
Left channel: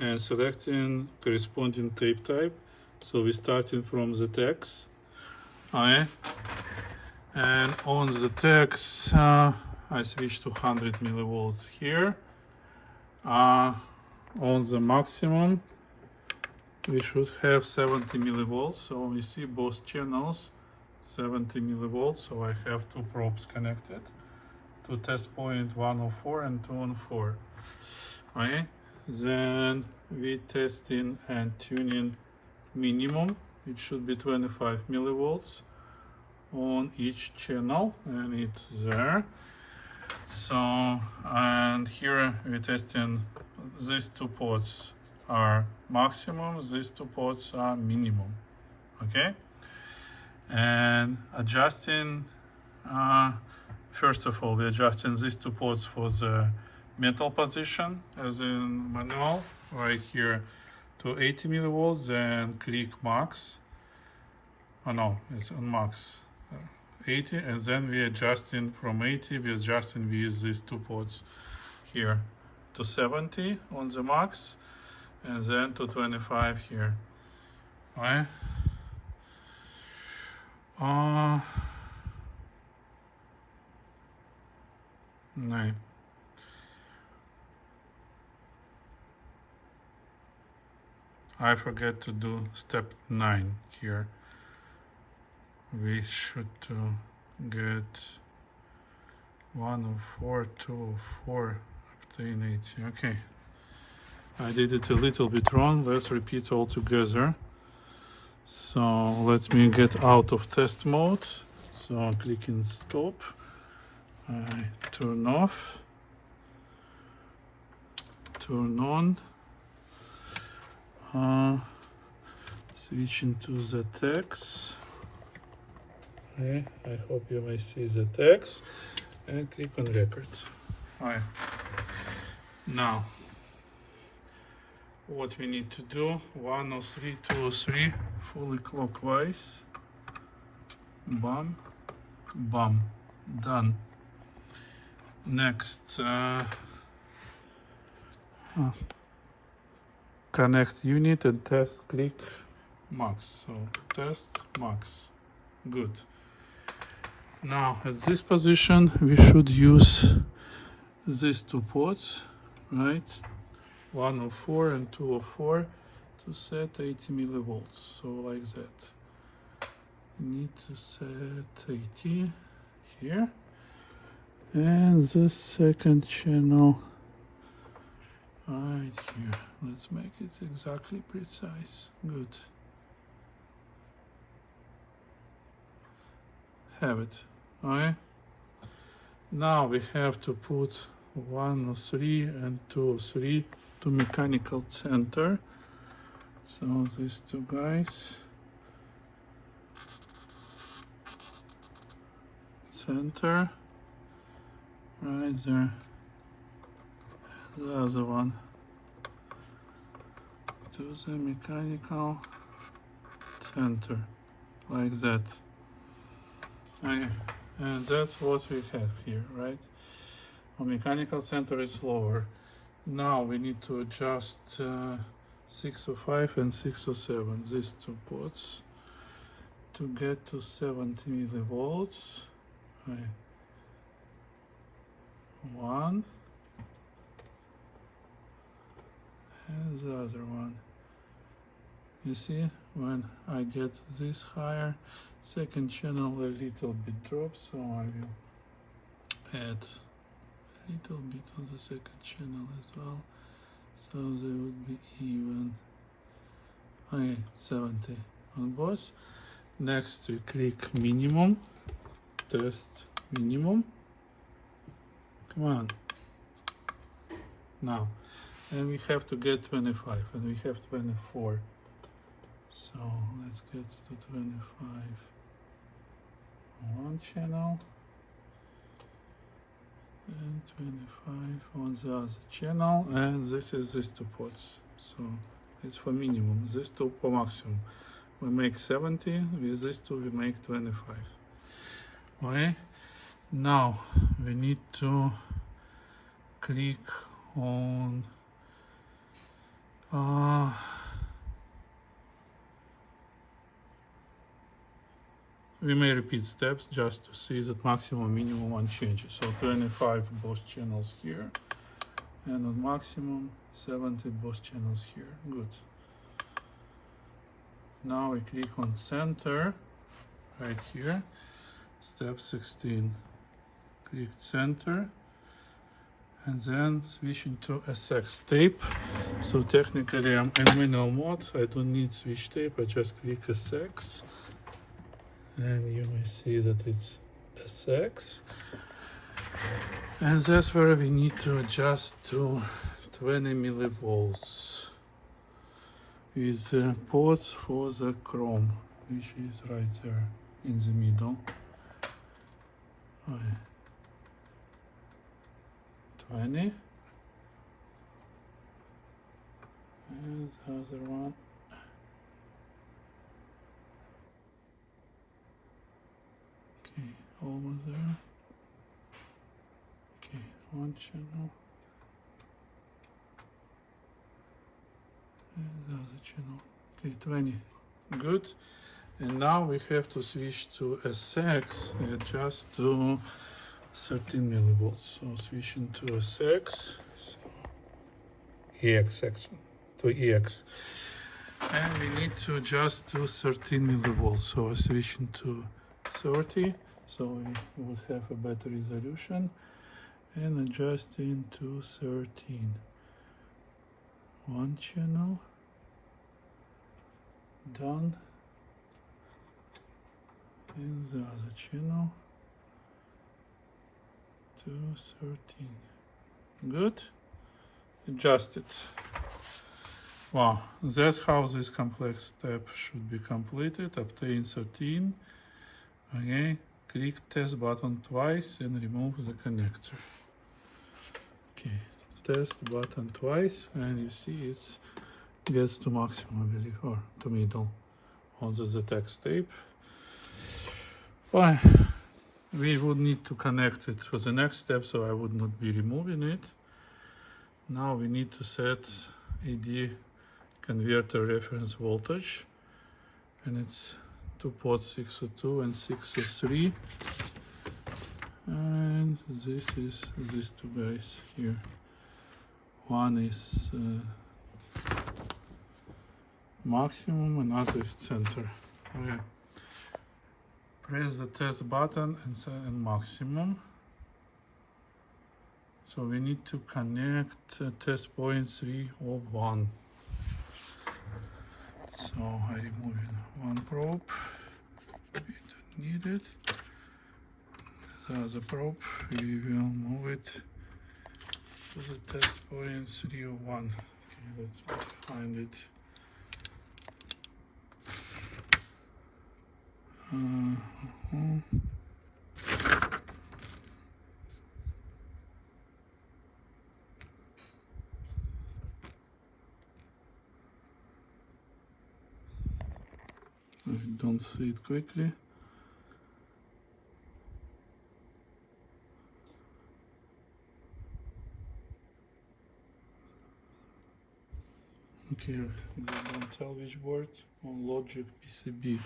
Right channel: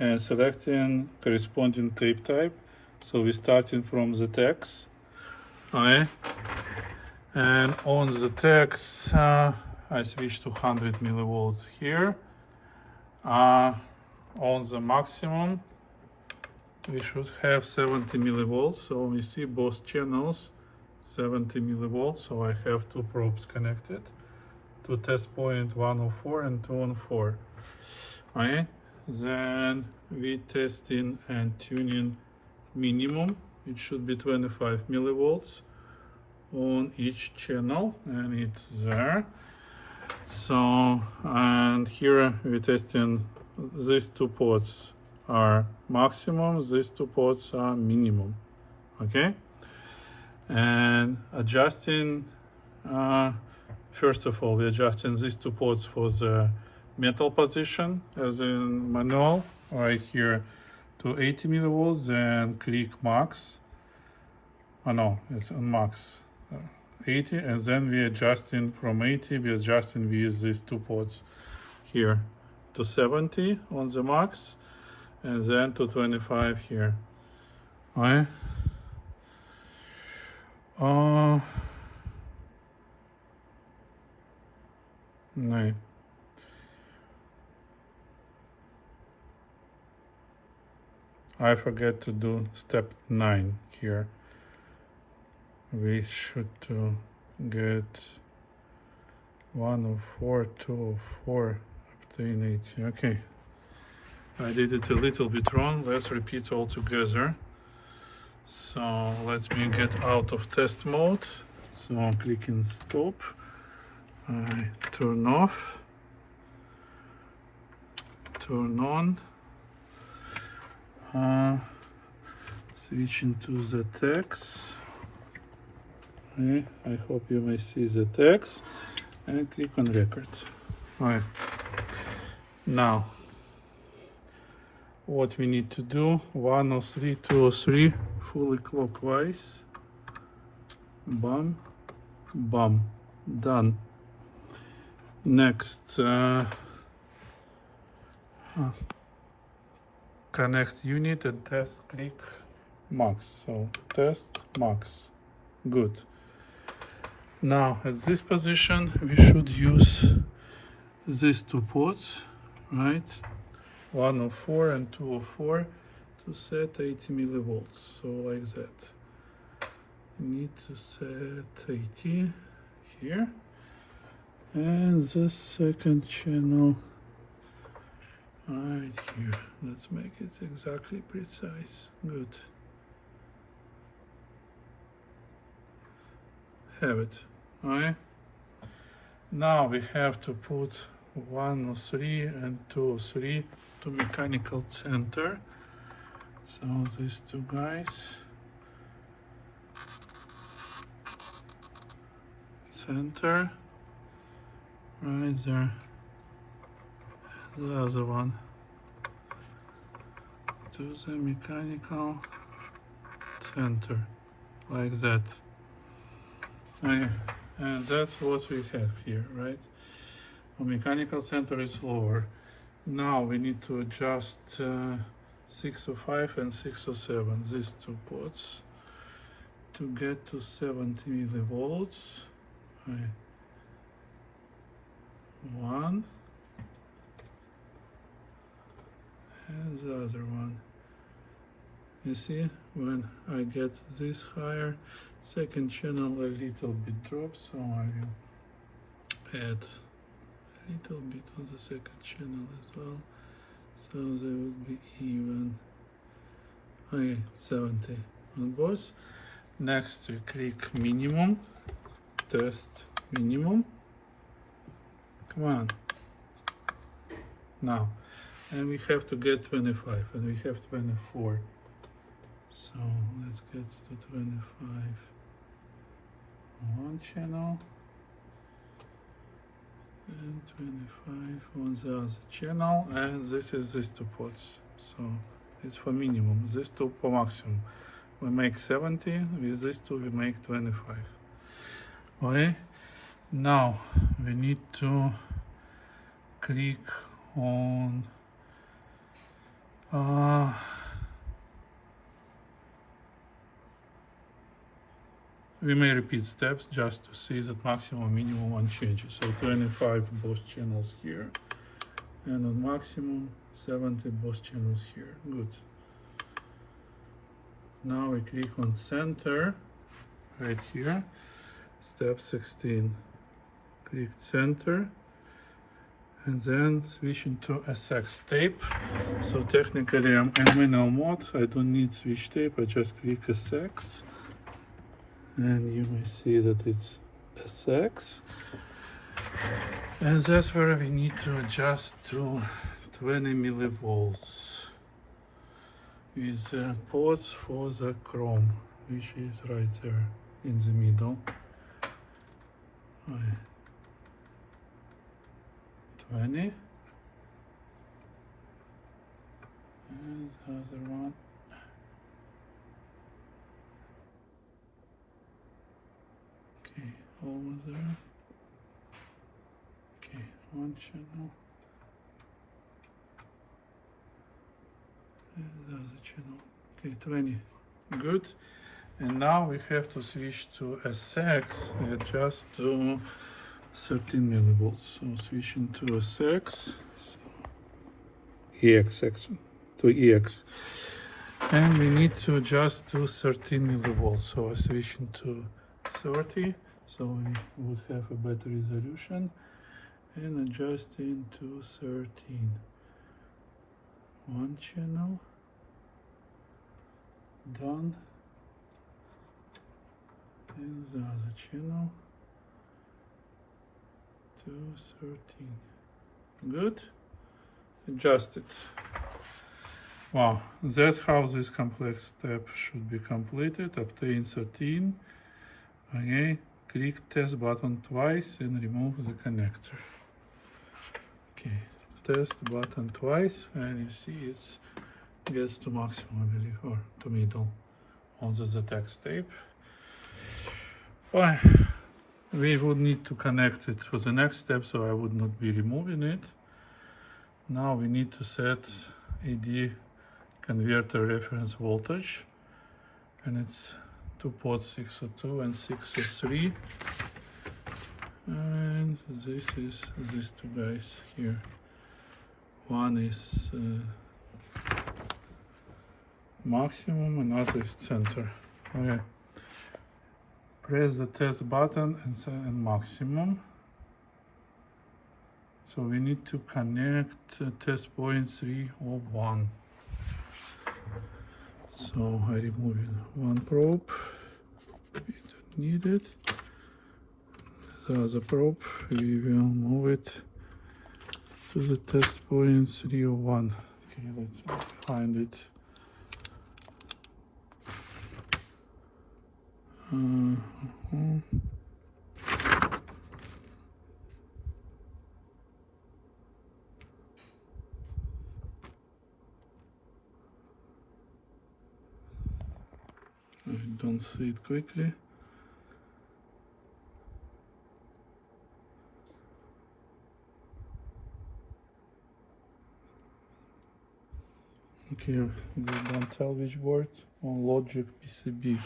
and selecting corresponding tape type. So we're starting from the text. Okay. And on the text, I switch to 100 millivolts here. On the maximum, we should have 70 millivolts. So we see both channels, 70 millivolts. So I have two probes connected to test point 104 and 214. Okay. Then we testing and tuning minimum. It should be 25 millivolts on each channel, and it's there. So, and here we're testing these two ports are maximum, these two ports are minimum. Okay, and adjusting, first of all, we're adjusting these two ports for the metal position as in manual right here to 80 millivolts and click max. Oh no, it's on max 80, and then we're adjusting from 80, we're adjusting with these two ports here to 70 on the max and then to 25 here. Right? No. I forget to do step 9 here. We should get 104, 204, obtain 80. Okay, I did it a little bit wrong. Let's repeat all together. So let me get out of test mode. So I'm clicking stop. I turn off, turn on. Switching to the text. Okay, I hope you may see the text and click on record. Right. Now, what we need to do, 103, 203, fully clockwise. Bam, bam, done. Next, connect unit and test, click max. So test max, good. Now at this position we should use these two ports, right? 104 and 204 to set 80 millivolts. So like that. Need to set 80 here. And the second channel right here. Let's make it exactly precise. Good. Have it. Alright. Now we have to put 103 and 203 to mechanical center. So these two guys. Center. Right there. The other one to the mechanical center, like that. Okay. And that's what we have here, right? Our mechanical center is lower. Now we need to adjust 605 and 607, these two ports, to get to 70 millivolts. Right. One. And the other one. You see, when I get this higher, second channel a little bit drops, so I will add a little bit on the second channel as well, so they would be even. Okay, 70 on both. Next we click minimum, test minimum. Come on. Now. And we have to get 25, and we have 24. So let's get to 25 on one channel and 25 on the other channel. And this is these two ports. So it's for minimum, these two for maximum. We make 70, with these two we make 25. Okay, now we need to click on we may repeat steps just to see that maximum minimum one changes. So 25 both channels here, and on maximum 70 both channels here. Good. Now we click on center right here, step 16. Click center. And then switching to SX tape. So technically I'm in manual mode. I don't need switch tape. I just click SX. And you may see that it's SX. And that's where we need to adjust to 20 millivolts. With ports for the chrome, which is right there in the middle. Right. 20. And the other one. Okay, almost there. Okay, one channel. And the other channel. Okay, 20. Good. And now we have to switch to SX, adjust to 13 millivolts. So switching to SX, so EX to EX, and we need to adjust to 13 millivolts. So switching to 30, so we would have a better resolution, and adjusting to 13. One channel done, and the other channel. 13. Good. Adjust it. Wow, that's how this complex step should be completed. Obtain 13. Okay, click test button twice and remove the connector. Okay, test button twice, and you see it gets to maximum, I believe, or to middle on the ZX tape. Well, we would need to connect it for the next step, so I would not be removing it. Now we need to set AD converter reference voltage, and it's two ports 602 and 603, and this is these two guys here, One is maximum, another is center. Okay. Press the test button and maximum. So we need to connect test point 3 or 1. So I remove one probe. We don't need it. The other probe, we will move it to the test point 3 or 1. Okay, let's find it. I don't see it quickly. Okay, we don't tell which board. On logic PCB.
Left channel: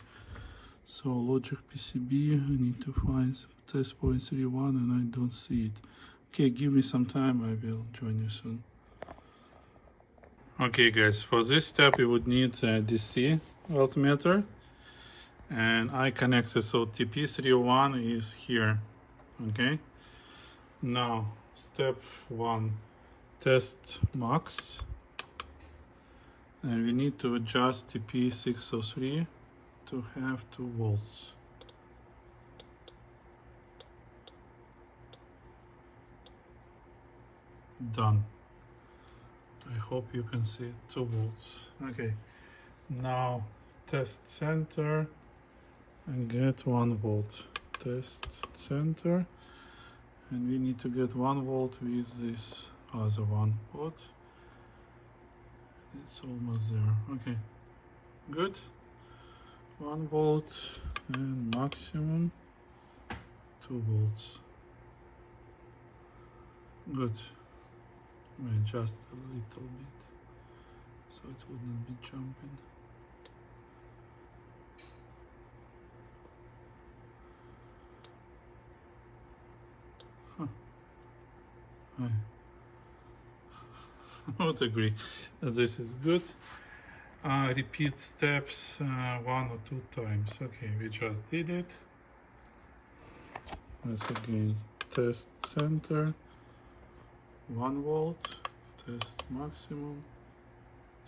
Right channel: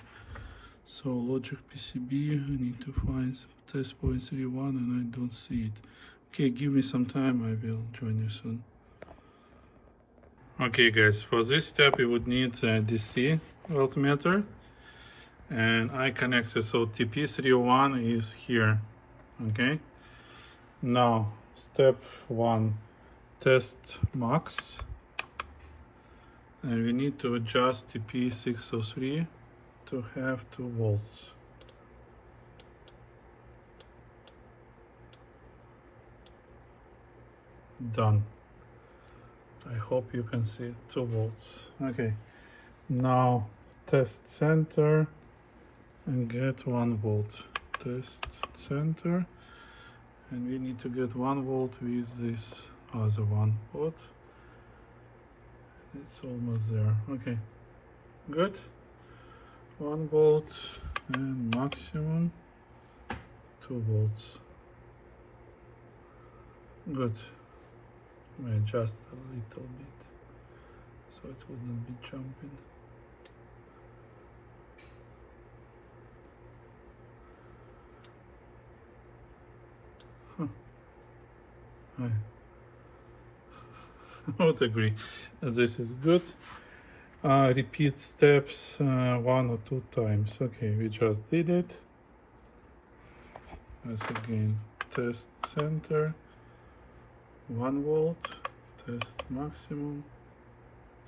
So logic PCB, I need to find test point 3.1 and I don't see it. Okay, give me some time, I will join you soon. Okay guys, for this step we would need a DC voltmeter. And I connected, so TP301 is here. Okay. Now, step 1, test max. And we need to adjust TP603 to have 2 volts. Done. I hope you can see 2 volts. Okay. Now, test center and get 1 volt. Test center, and we need to get 1 volt with this other one pot. It's almost there. Okay, good. 1 volt and maximum 2 volts. Good. I adjust a little bit so it wouldn't be jumping. I would agree that this is good. Repeat steps 1 or 2 times. Okay, we just did it. Let's again test center, 1 volt, test maximum,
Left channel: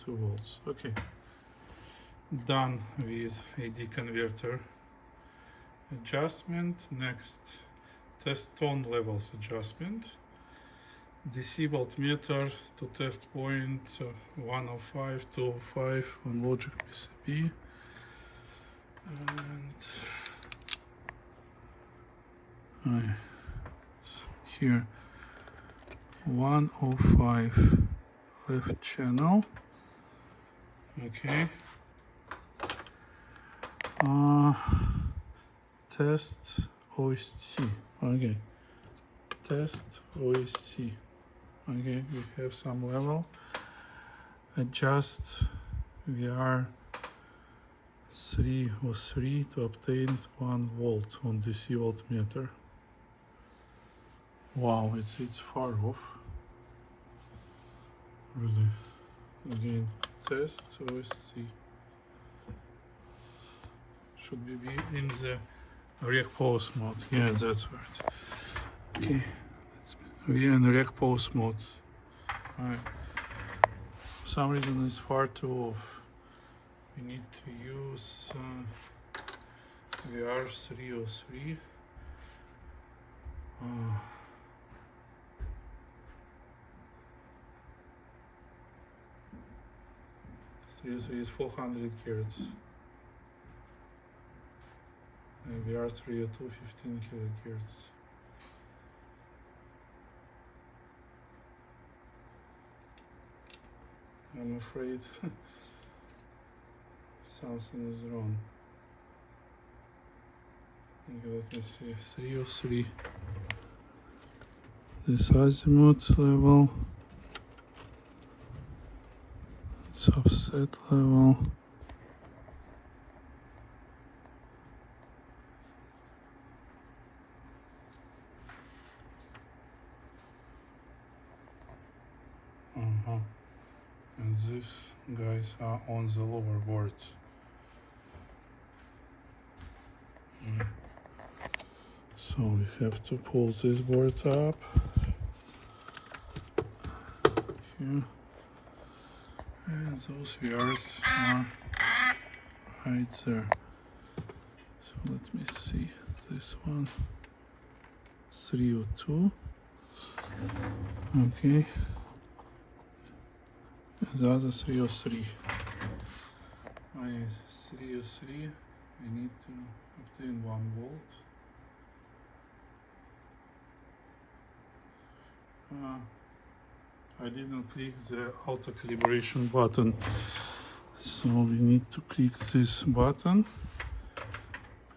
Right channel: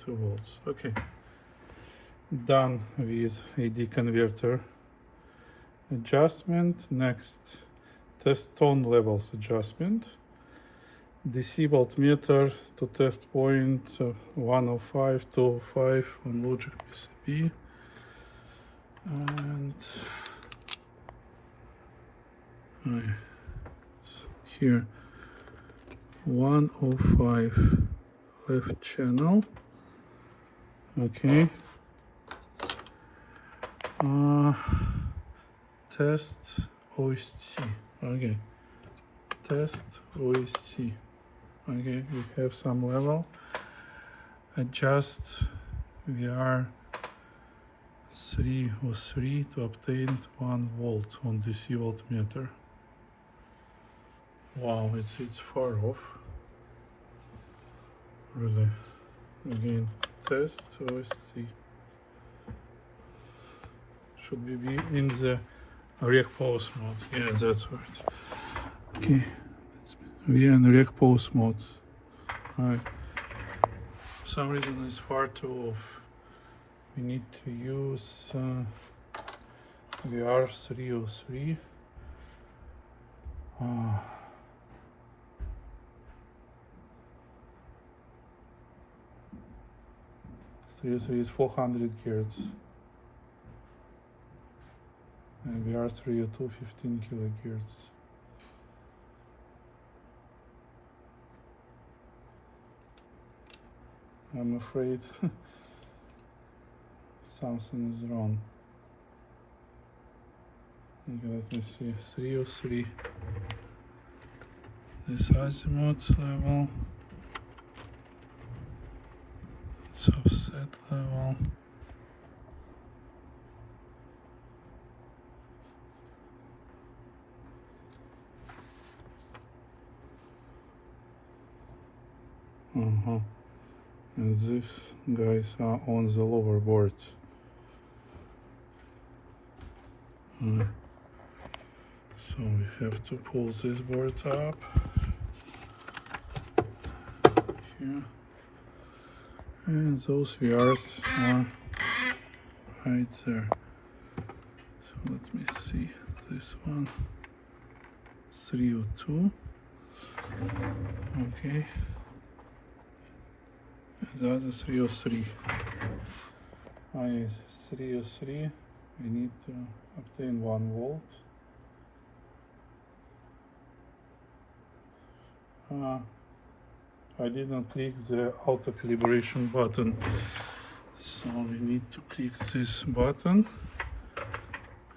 2 volts. Okay, done with AD converter adjustment. Next, test tone levels adjustment. DC voltmeter to test point 105, 205 on logic PCB. And it's here 105 left channel. Okay. Test OSC. Okay. Test OSC. Okay, we have some level. Adjust VR 303 to obtain 1 volt on DC voltmeter. Wow, it's far off. Really. Again, test OSC. Should we be in the rec pause mode? Yes, that's right. Okay. We are in rec pause mode. Alright. For some reason it's far too off. We need to use VR 303. 303 is 400 Hz. And VR 302 15 kHz. I'm afraid something is wrong. Okay, let me see. 303. This azimuth level. It's offset level. And these guys are on the lower boards. So we have to pull these boards up here, and those VRs are right there. So let me see this one, 302. Okay, the other 303. 303. We need to obtain 1 volt. I didn't click the auto calibration button, so we need to click this button,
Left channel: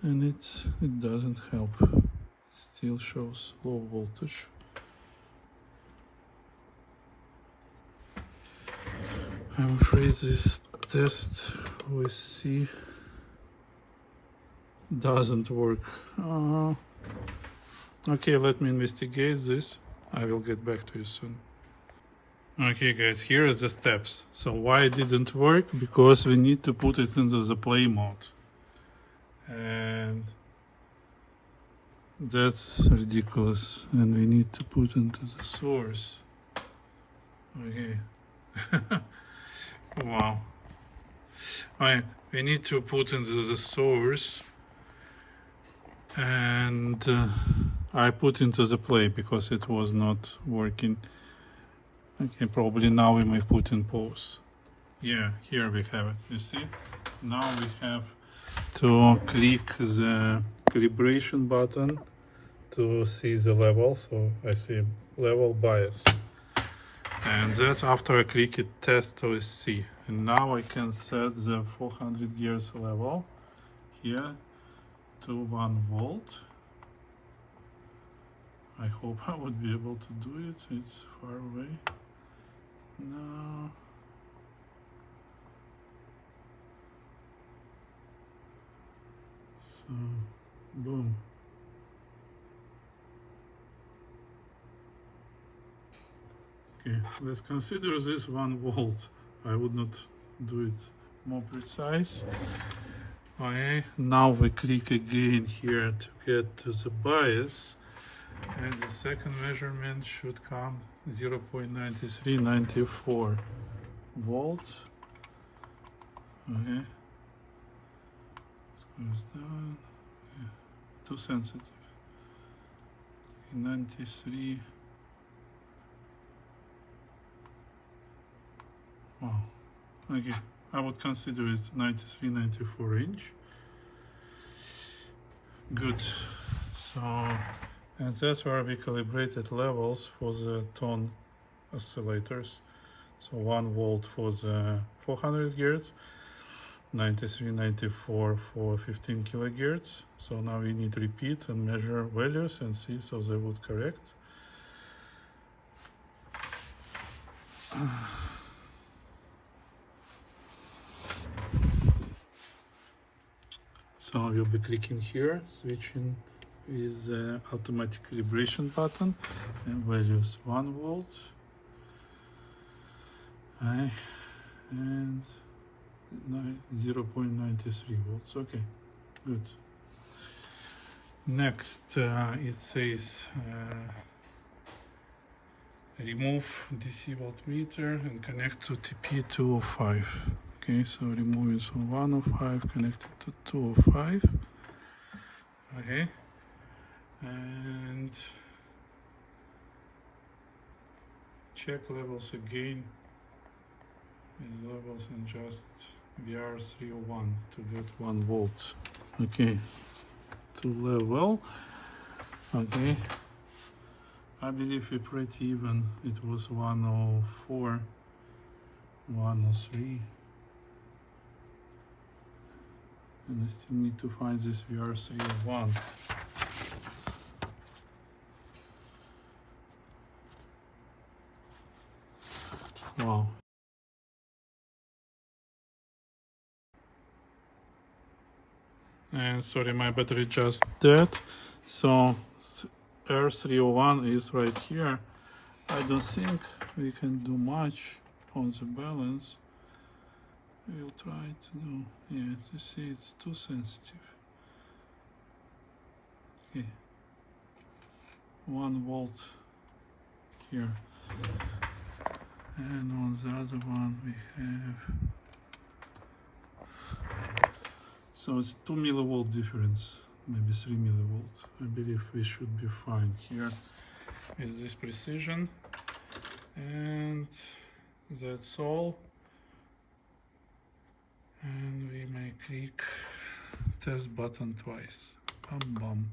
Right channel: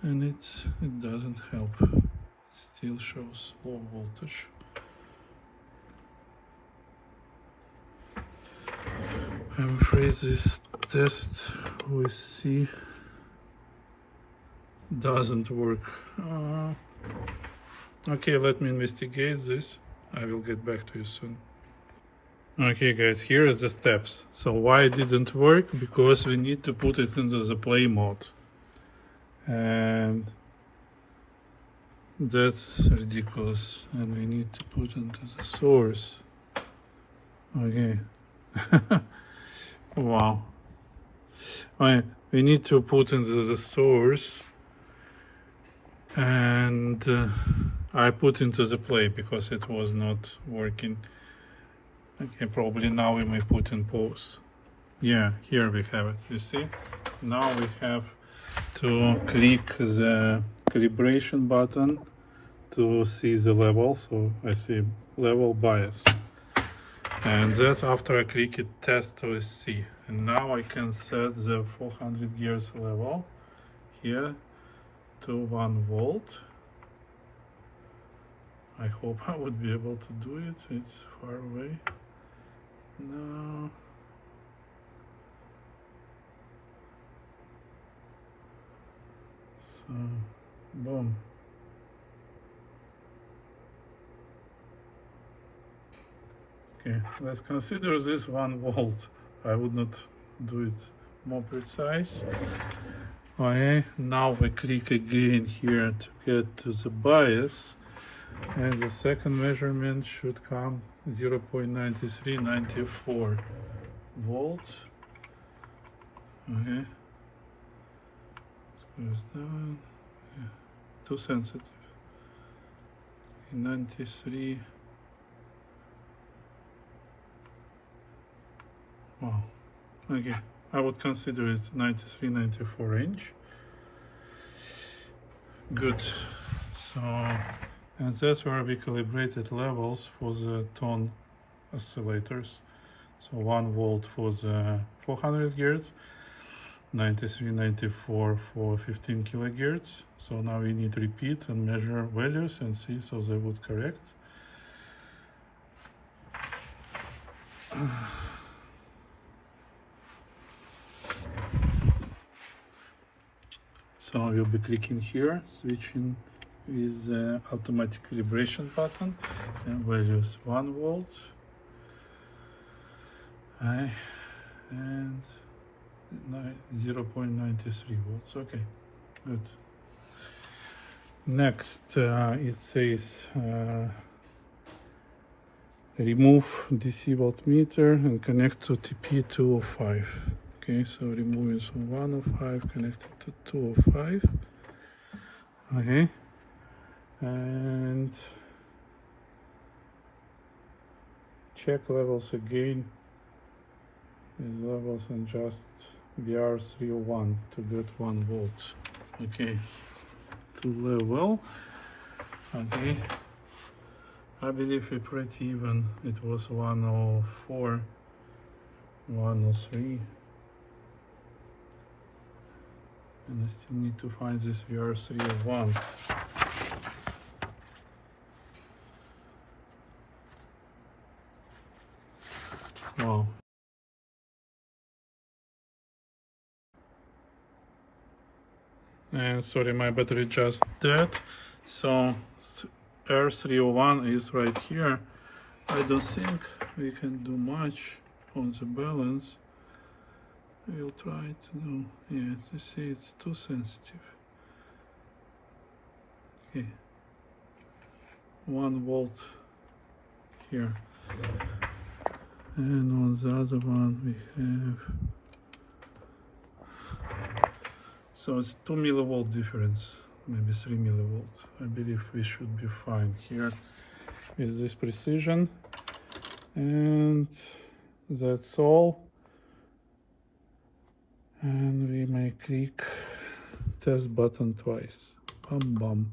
and it doesn't help. It still shows low voltage. I'm afraid this test with C doesn't work. Okay, let me investigate this. I will get back to you soon. Okay guys, here are the steps. So why it didn't work? Because we need to put it into the play mode. And that's ridiculous. And we need to put into the source. Okay. Wow. We need to put into the source. And I put into the play because it was not working. Okay, probably now we may put in pause. Yeah, here we have it, you see? Now we have to click the calibration button to see the level. So I see level bias. And that's after I click it, test with C. And now I can set the 400 gears level here to 1 volt. I hope I would be able to do it. It's far away. No. So, boom. Okay, let's consider this 1 volt. I would not do it more precise. Okay, now we click again here to get to the bias, and the second measurement should come 0.9394 volts. Okay, let's go down. Yeah. Too sensitive. 93. Wow. Okay, I would consider it 93-94 range. Good. So, and that's where we calibrated levels for the tone oscillators. So 1 volt for the 400 Hz, 93-94 for 15 kilohertz. So now we need to repeat and measure values and see so they would correct. So I will be clicking here, switching with the automatic calibration button, and values 1 volt. And 0.93 volts. Okay, good. Next, it says remove DC voltmeter and connect to TP205. Okay, so remove it from 105, connect it to 205. Okay, and check levels again. These levels and just VR301 to get 1 volt. Okay, to level. Okay, I believe we're pretty even. It was 104, 103. And I still need to find this VR301. Wow. And sorry, my battery just dead. So R301 is right here. I don't think we can do much on the balance. We'll try to do, yeah, you see it's too sensitive. Okay, 1 volt here, and on the other one we have, so it's 2 millivolt difference, maybe 3 millivolt. I believe we should be fine here with this precision, and that's all. And we may click test button twice. Bum bum.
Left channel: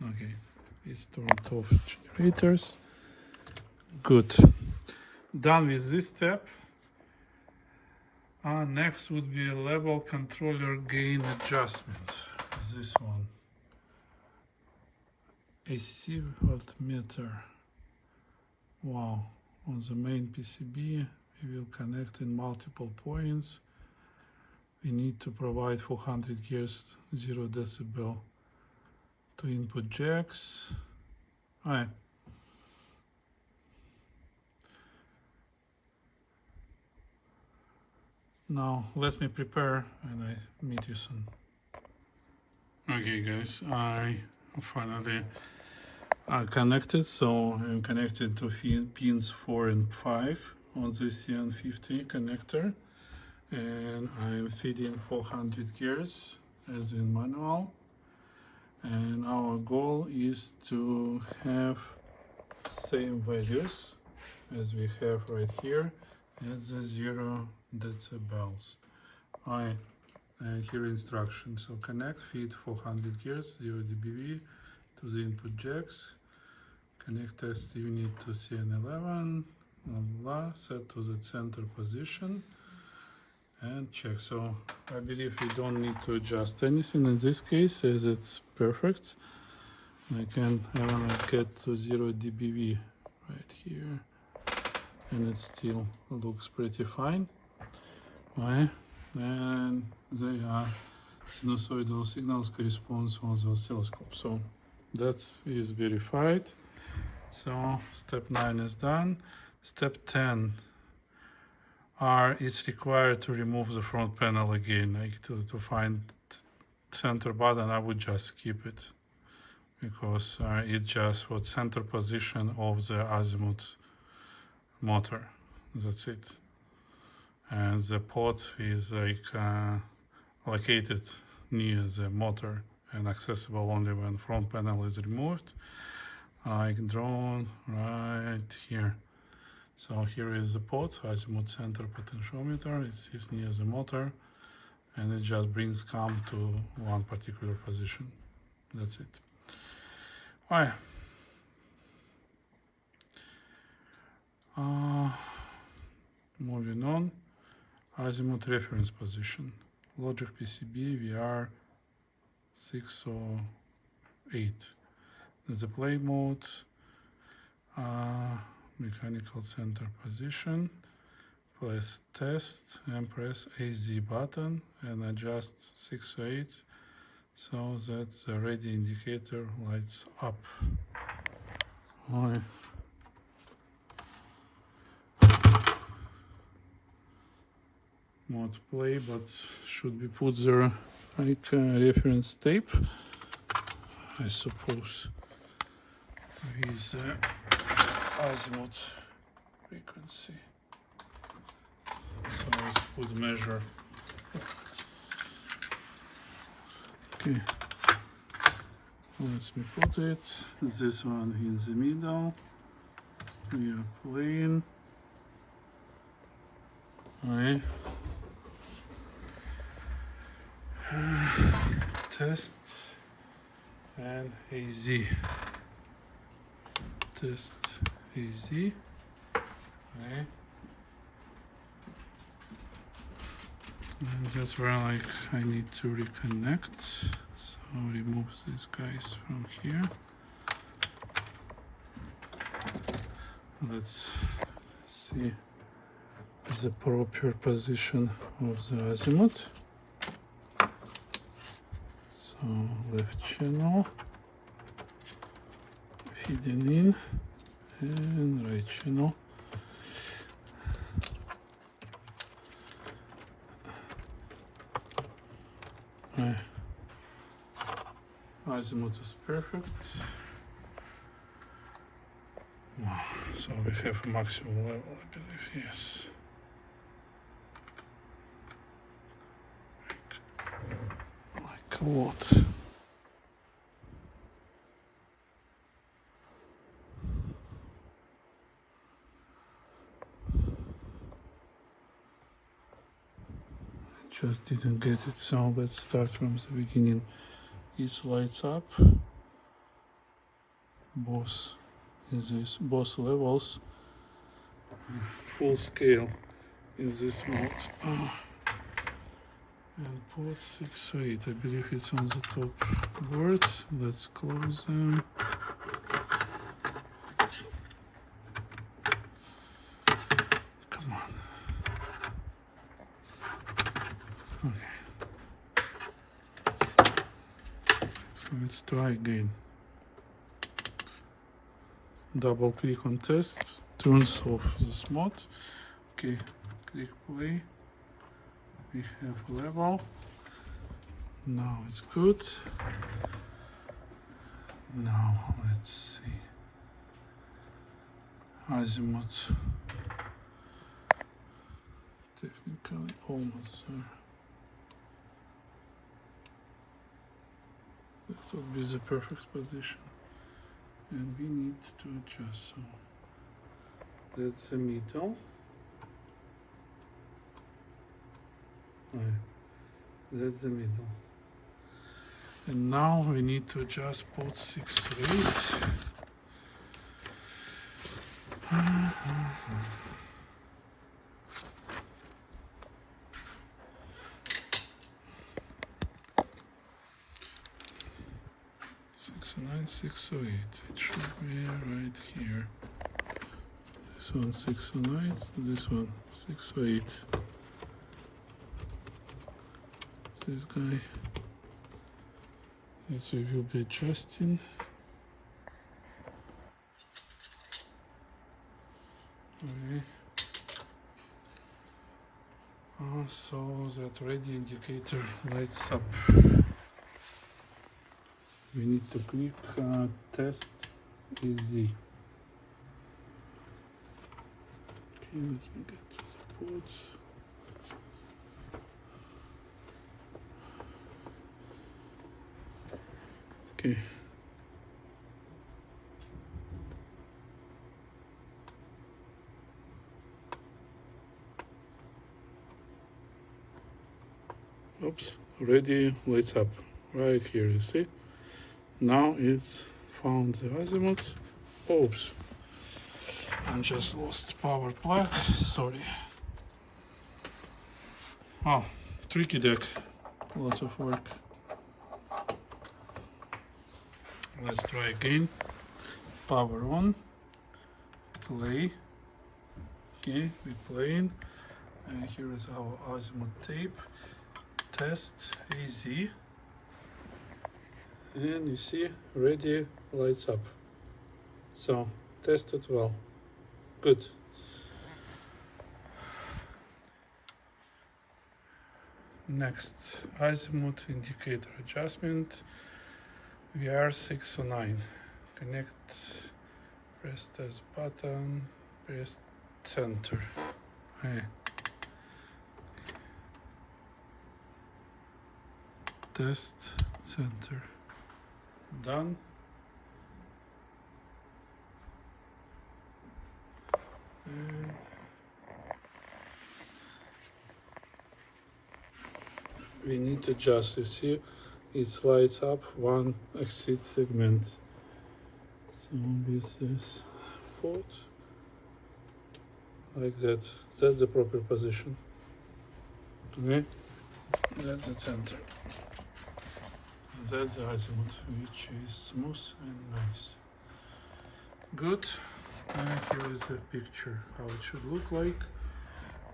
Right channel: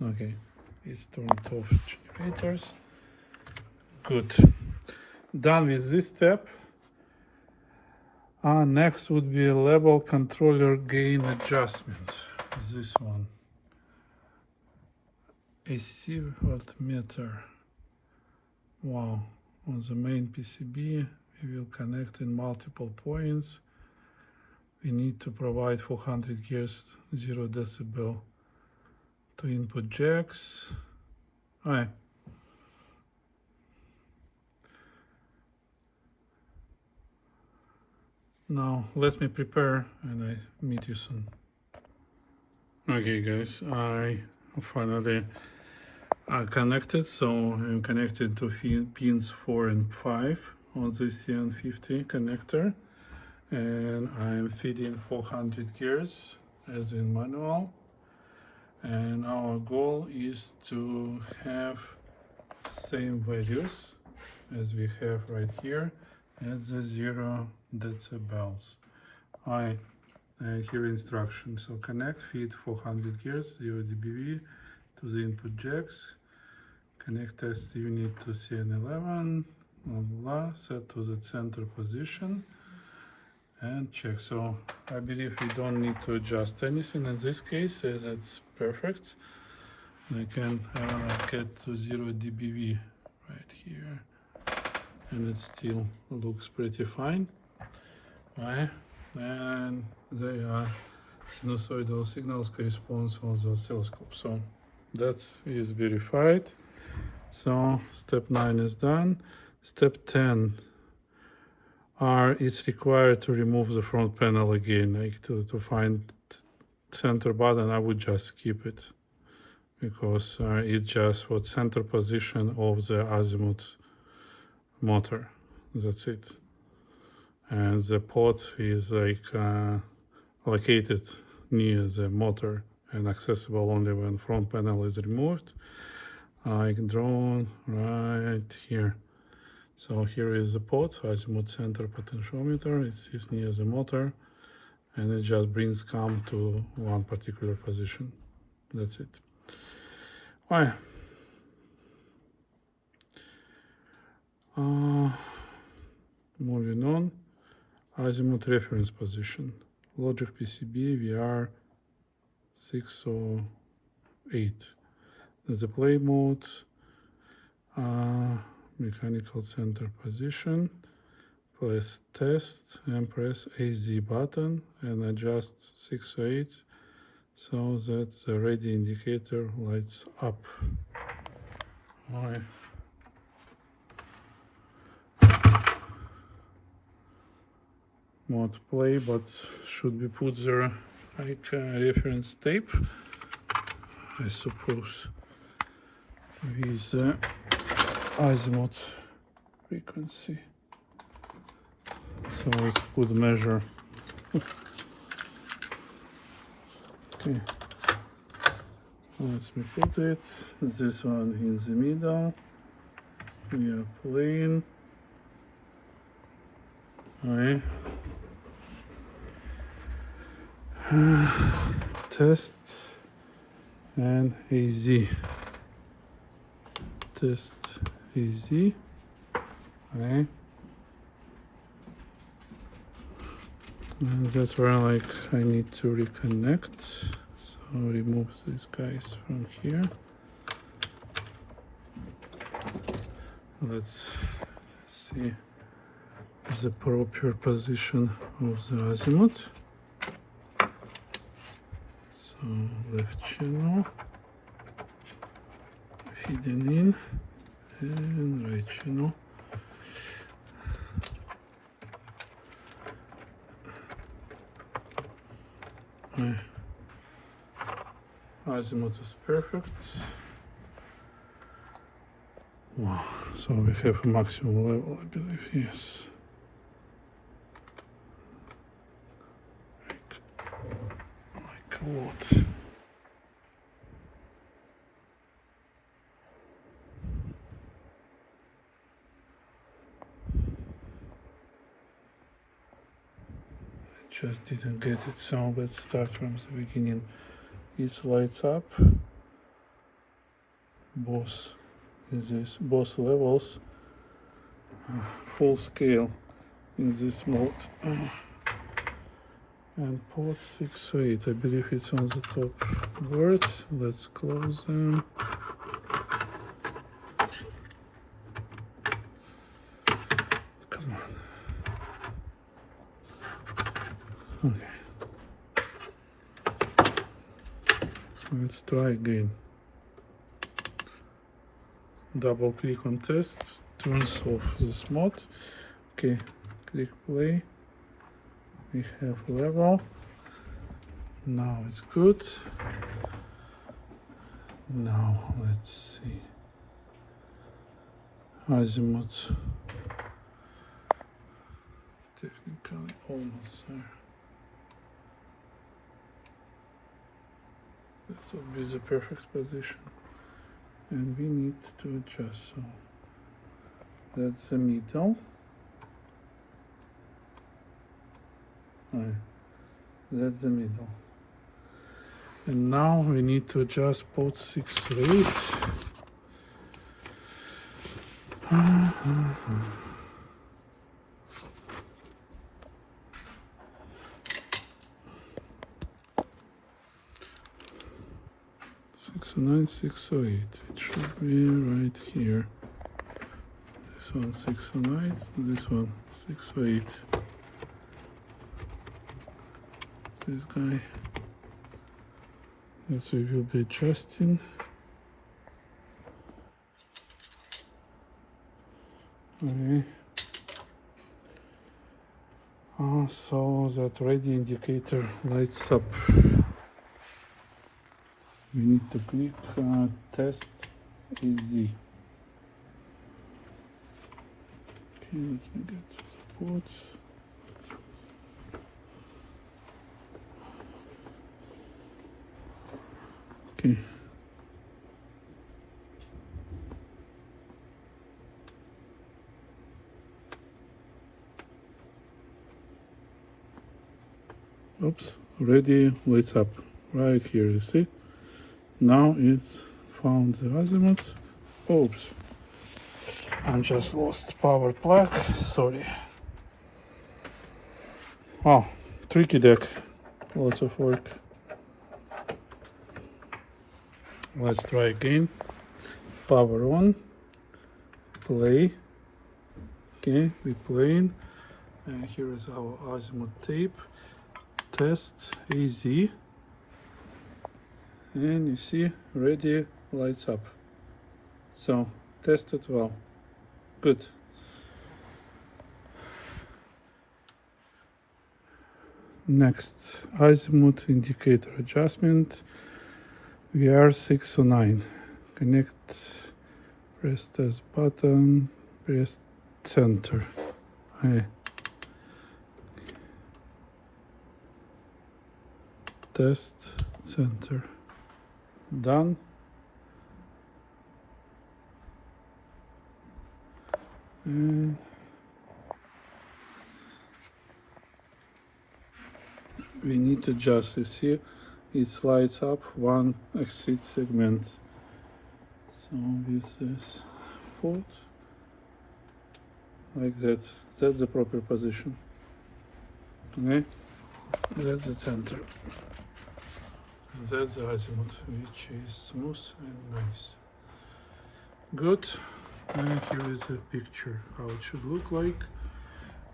Okay, it's turned off generators. Good. Done with this step. Next would be a level controller gain adjustment. This one. AC voltmeter. Wow. On the main PCB, we will connect in multiple points. We need to provide 400 Hz 0 decibel to input jacks. Alright. Now let me prepare and I meet you soon. Okay guys, I finally connected, so I'm connected to pins 4 and 5 on this CN50 connector, and I'm feeding 400 gears as in manual, and our goal is to have same values as we have right here as the 0 decibels. Alright, here instruction. So connect, feed 400 gears, 0 dBV to the input jacks. Connect test unit to CN11, blah, blah, set to the center position, and check. So I believe we don't need to adjust anything in this case, as it's perfect. I wanna get to 0 dBV right here, and it still looks pretty fine. Right? And they are sinusoidal signals corresponds on the oscilloscope. So that is verified. So step 9 is done. Step 10 is required to remove the front panel again, like to find center button. I would just skip it because it's just for center position of the Azimuth motor. That's it. And the port is like located near the motor and accessible only when front panel is removed. Like drawn right here. So here is the port, Azimuth center potentiometer. It is near the motor, and it just brings CAM to one particular position. That's it. Alright. Moving on. Azimuth reference position. Logic PCB VR608. The play mode, mechanical center position. Press test and press AZ button and adjust 608 so that the ready indicator lights up. Alright. Mod play, but should be put there like reference tape, I suppose, with the Azimuth frequency, so it could measure. Okay, let me put it. This one in the middle. We are playing. Right. Test and AZ. Test AZ. Okay. And that's where like I need to reconnect. So remove these guys from here. Let's see the proper position of the Azimuth. So left channel, feeding in, and right channel. Azimuth is perfect. Wow, so we have a maximum level, I believe, yes. Like a lot. Just didn't get it, so let's start from the beginning. It lights up both levels, full scale in this mode. And port 6 or 8, I believe it's on the top board. Let's close them. Come on. Okay. Let's try again. Double click on test, turns off this mode. Okay, click play. We have level. Now it's good. Now let's see. Azimuth. Technically almost there. That would be the perfect position. And we need to adjust. So that's the middle. That's the middle. And now we need to adjust port 6 or 8. 609, 608. It should be right here. This one 609, this one 608. This guy. Yes, we will be adjusting. Okay. So that ready indicator lights up. We need to click test easy. Okay, let's get to the ports. Okay. Oops, already lights up right here, you see? Now it's found the azimuth. Oops, I just lost power plug, sorry. Oh, tricky deck, lots of work. Let's try again. Power on, play. Okay, we're playing. And here is our azimuth tape. Test AZ. And you see, ready, lights up. So, tested well. Good. Next, azimuth indicator adjustment. VR609. Connect, press test button, press center. Okay. Test center. Done. And we need to adjust. You see, it lights up one exit segment. So this is port like that. That's the proper position. Okay, that's the center. That's the azimuth, which is smooth and nice. Good. And here is a picture how it should look like.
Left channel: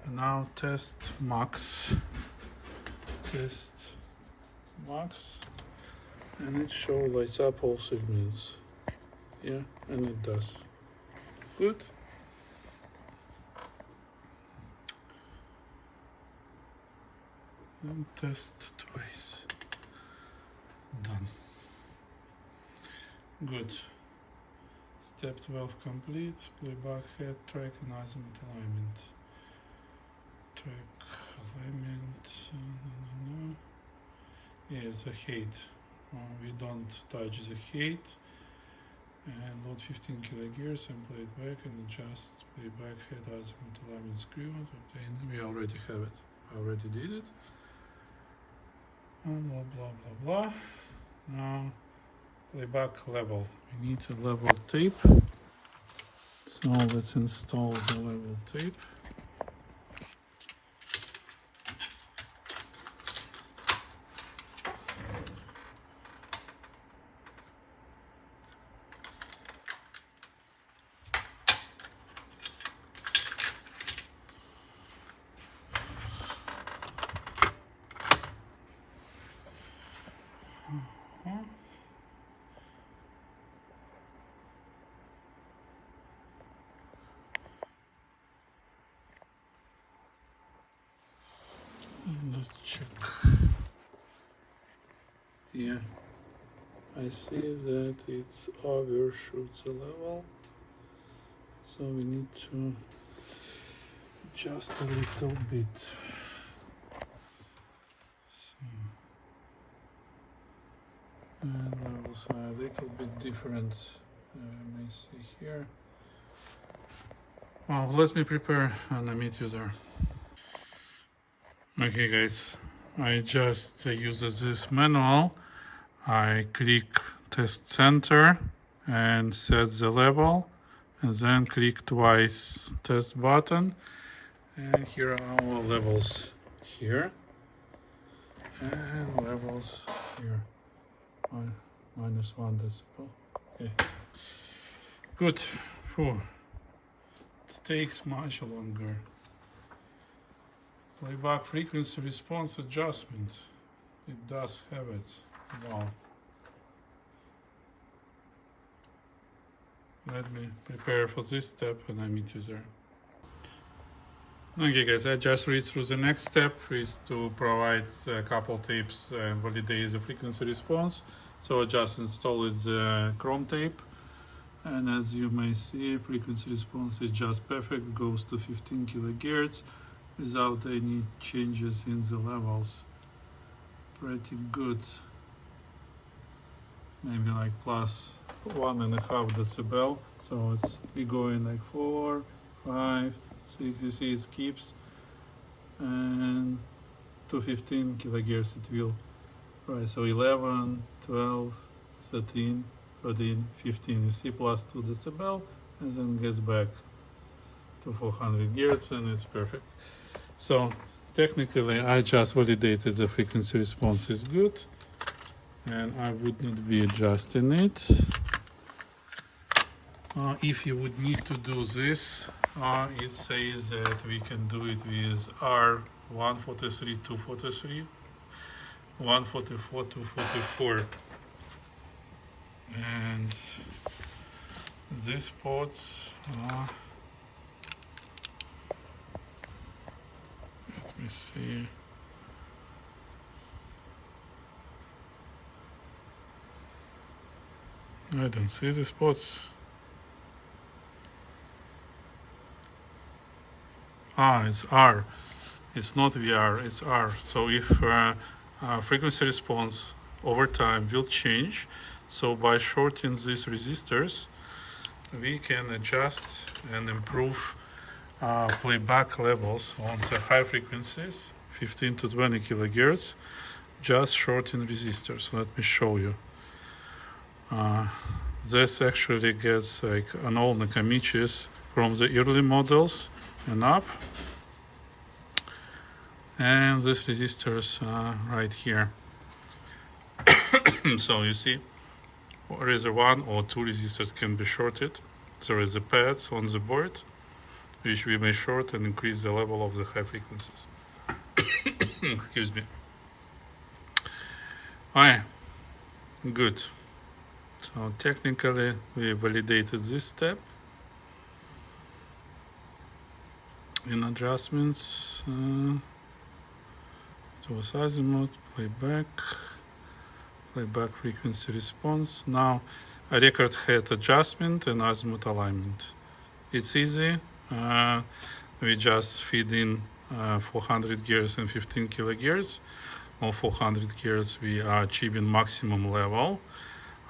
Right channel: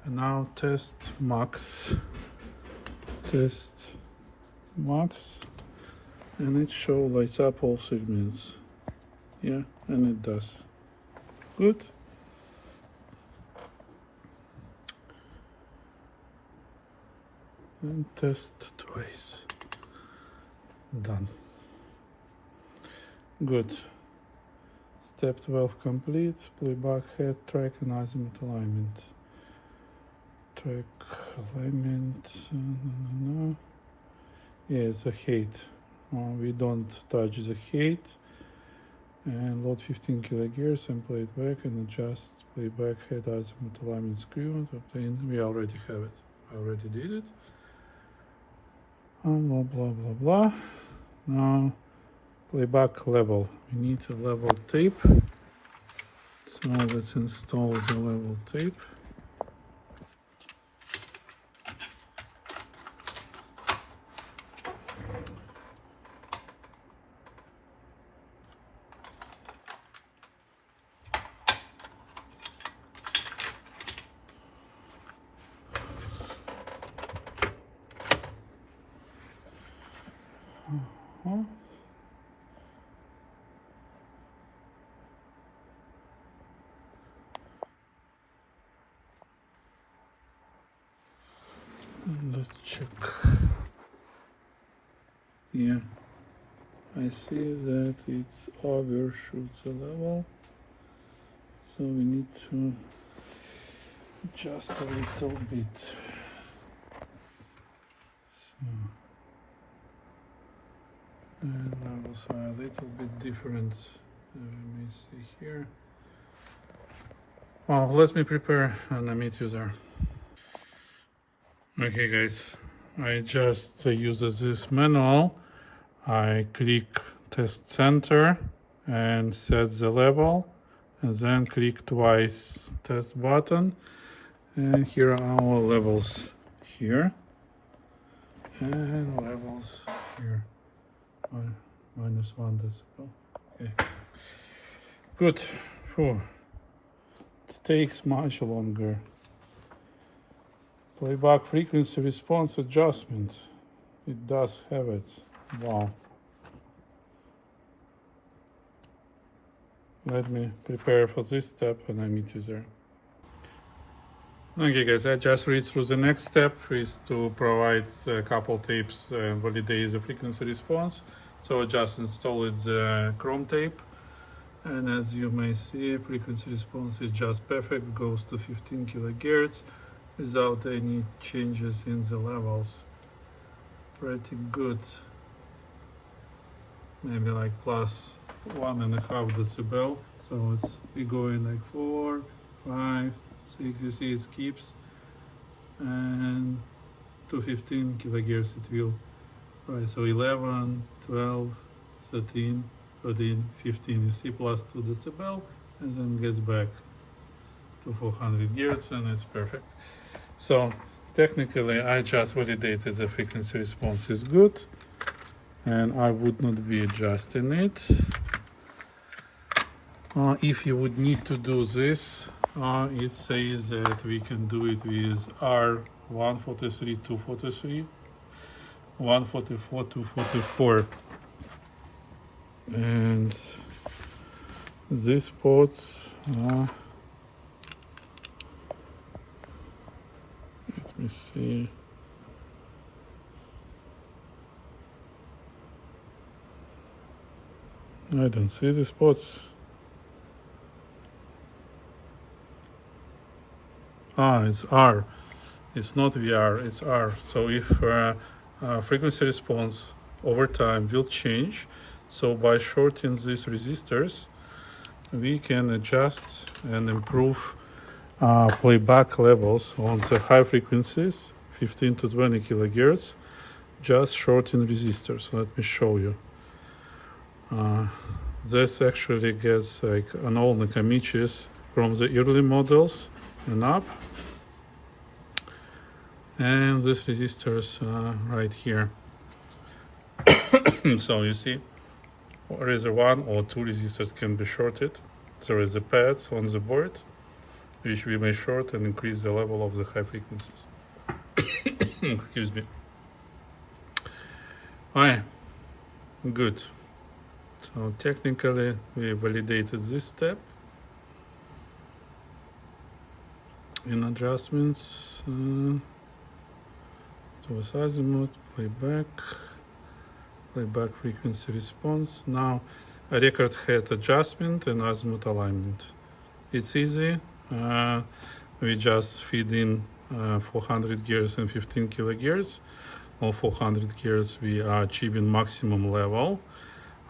And now test max. Test max. And it shows lights up all segments. Yeah, and it does. Good. and test twice. Done. Good. Step 12 complete. Playback head, track and azimuth alignment. Track alignment. Yeah, it's a height. We don't touch the height. And load 15 kilogears and play it back and adjust playback head azimuth alignment screw. Obtain. We already have it. I already did it. And blah blah blah blah. Now playback level. We need a level tape. So let's install the level tape. And let's check. Here I see that it's overshoots the level, so we need to adjust a little bit. So and levels are a little bit different. You may see here. Well, let me prepare an Amit user. Okay guys, I just use this manual. I click test center and set the level, and then click twice test button, and here are our levels here and levels here. -1 decibel. Okay, good. Whew. It takes much longer. Playback frequency response adjustment. It does have it. Wow. Let me prepare for this step and I meet you there. Okay guys, I just read through the next step is to provide a couple tapes and validate the frequency response. So just install the Chrome tape, and as you may see, frequency response is just perfect, goes to 15 kilohertz without any changes in the levels. Pretty good. Maybe like plus 1.5 decibel. So it's you go in like 4, 5, 6. You see it keeps, and to 15 kilohertz it will. Right, so 11, 12, 13, 14, 15. You see plus 2 decibel, and then gets back to 400 hertz, and it's perfect. So technically I just validated the frequency response is good, and I would not be adjusting it. If you would need to do this, it says that we can do it with R143, 243, 144, 244, and these ports are, let me see, I don't see the spots. It's R. It's not VR, it's R. So if frequency response over time will change, so by shorting these resistors, we can adjust and improve playback levels on the high frequencies, 15 to 20 kilohertz, just shorting resistors. Let me show you. This actually gets like an all Nakamichis from the early models and up, and these resistors right here. So you see, either 1 or 2 resistors can be shorted. There is the pads on the board which we may short and increase the level of the high frequencies. Excuse me. Alright, good. So technically we validated this step. In adjustments, It was Azimuth, playback frequency response. Now a record head adjustment and azimuth alignment. It's easy. We just feed in 400 gears and 15 kilogears. On 400 gears we are achieving maximum level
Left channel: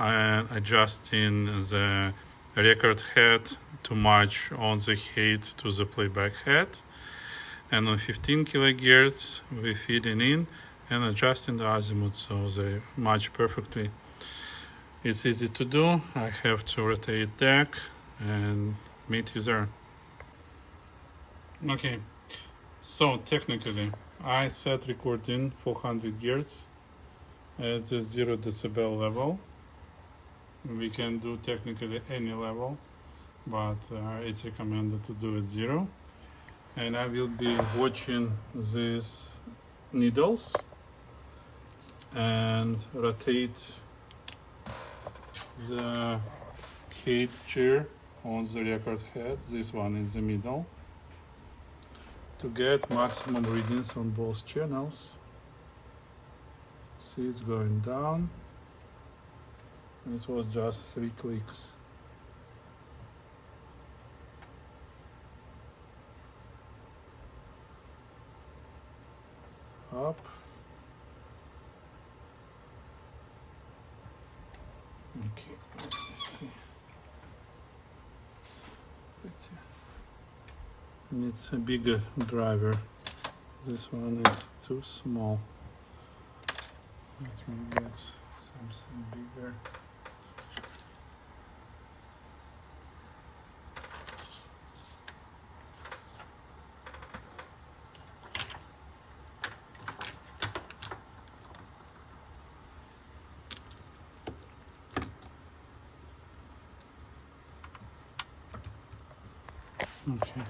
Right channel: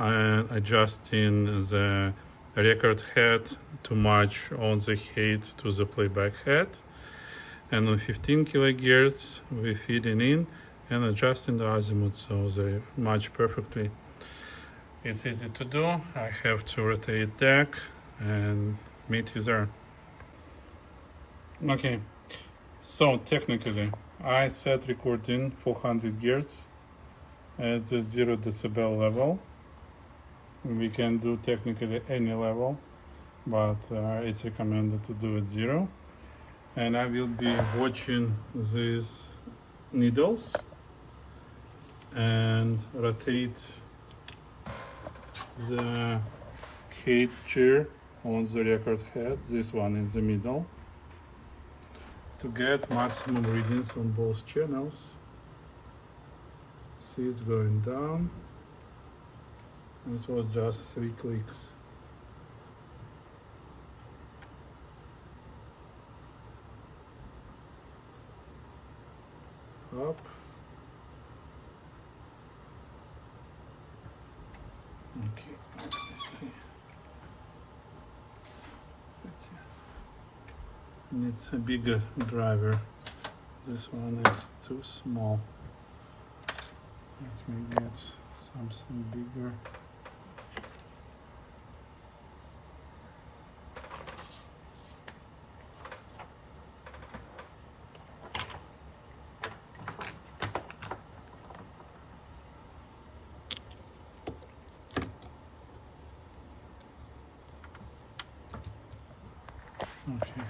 and adjusting the record head to match on the head to the playback head. And on 15 kilogears we feeding in and adjusting the azimuth so they match perfectly. It's easy to do. I have to rotate deck and meet you there. Okay, so technically I set recording 400 gears at the 0 decibel level. We can do technically any level, but it's recommended to do it 0. And I will be watching these needles and rotate the head chair on the record head, this one in the middle, to get maximum readings on both channels. See, it's going down. This was just 3 clicks. Up. Okay, let's see. Needs a bigger driver. This one is too small. Let me get something bigger. Okay.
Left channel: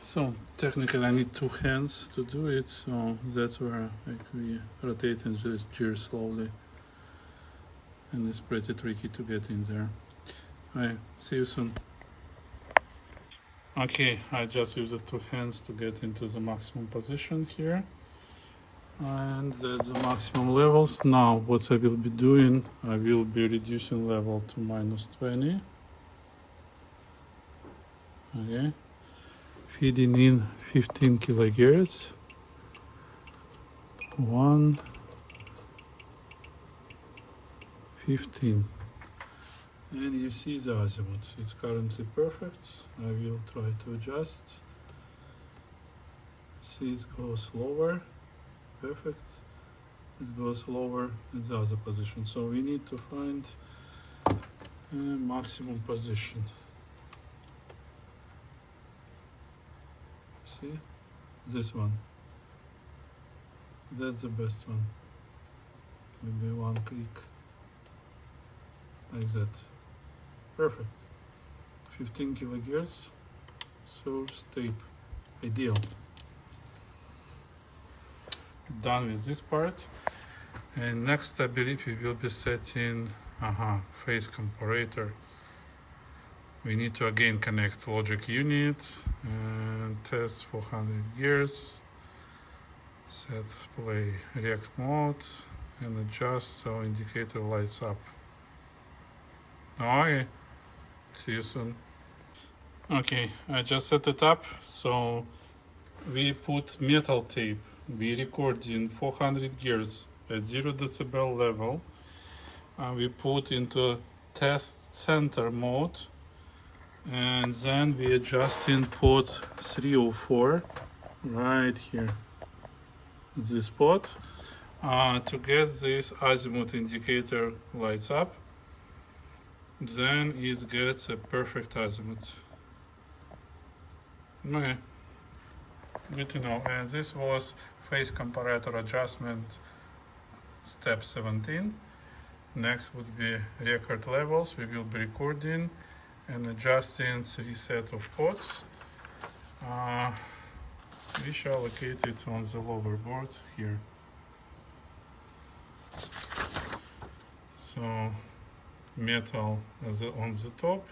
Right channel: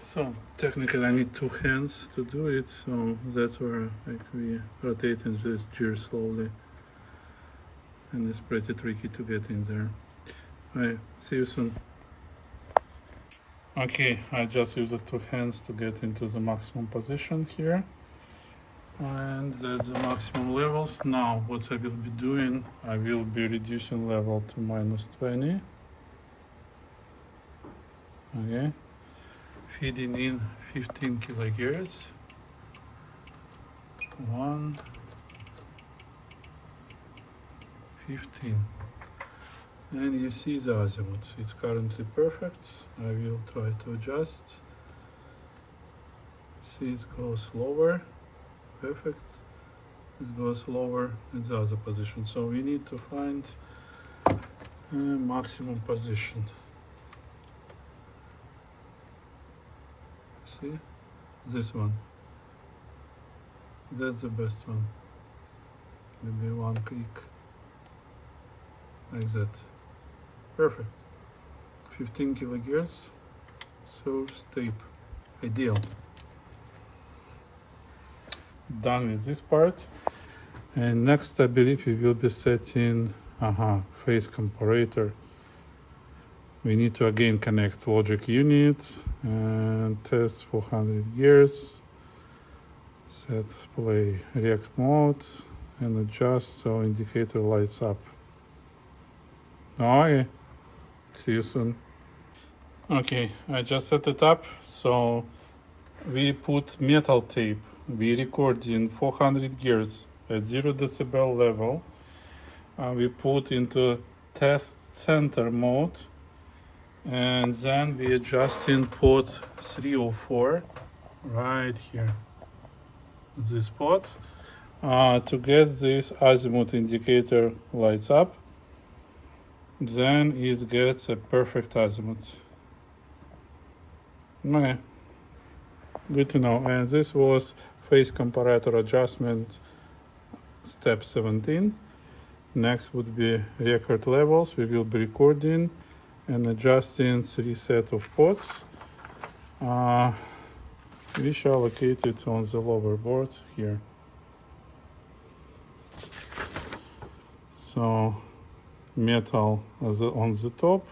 So technically I need 2 hands to do it, so that's where we rotating this gear slowly, and it's pretty tricky to get in there. Alright, see you soon. Okay, I just used the 2 hands to get into the maximum position here, and that's the maximum levels. Now what I will be doing, I will be reducing level to -20. Okay, feeding in 15 kilogears. 1, 15. And you see the azimuth, it's currently perfect. I will try to adjust. See, it goes lower, perfect. It goes lower in the other position. So we need to find a maximum position. See, this one. That's the best one. Maybe 1 click, like that. Perfect. 15 kilogears, source tape, ideal. Done with this part. And next I believe we will be setting phase comparator. We need to again connect logic unit and test 400 gears. Set play react mode and adjust so indicator lights up. Okay. See you soon. Okay, I just set it up. So we put metal tape. We record in 400 gears at 0 decibel level. We put into test center mode, and then we adjust in port 304 right here, this spot, to get this azimuth indicator lights up. Then it gets a perfect azimuth. Okay, good to know. And this was phase comparator adjustment step 17. Next would be record levels. We will be recording and adjusting 3 sets of pots. We shall locate it on the lower board here. So metal on the top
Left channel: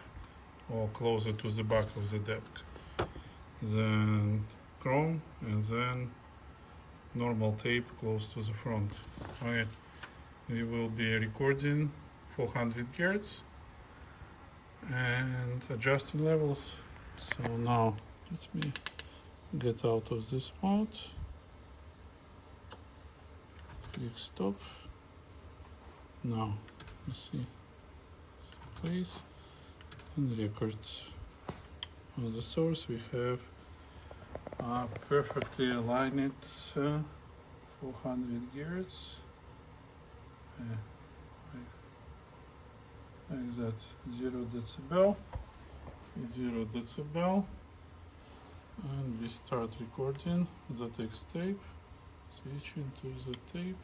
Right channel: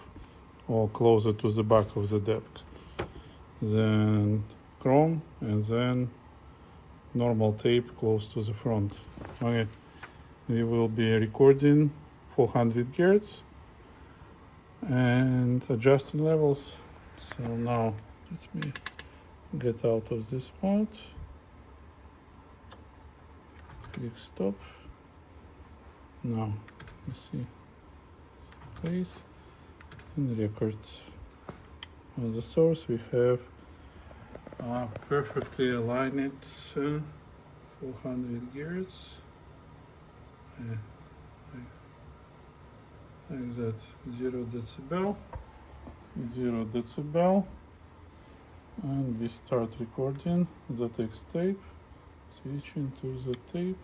or closer to the back of the deck, then chrome, and then normal tape close to the front. Okay, we will be recording 400 Hz and adjusting levels. So now let me get out of this mode, click stop. Now you see place and record. On the source we have perfectly aligned 400 Hz. Like that, 0 decibel, and we start recording the text tape, switching to the tape,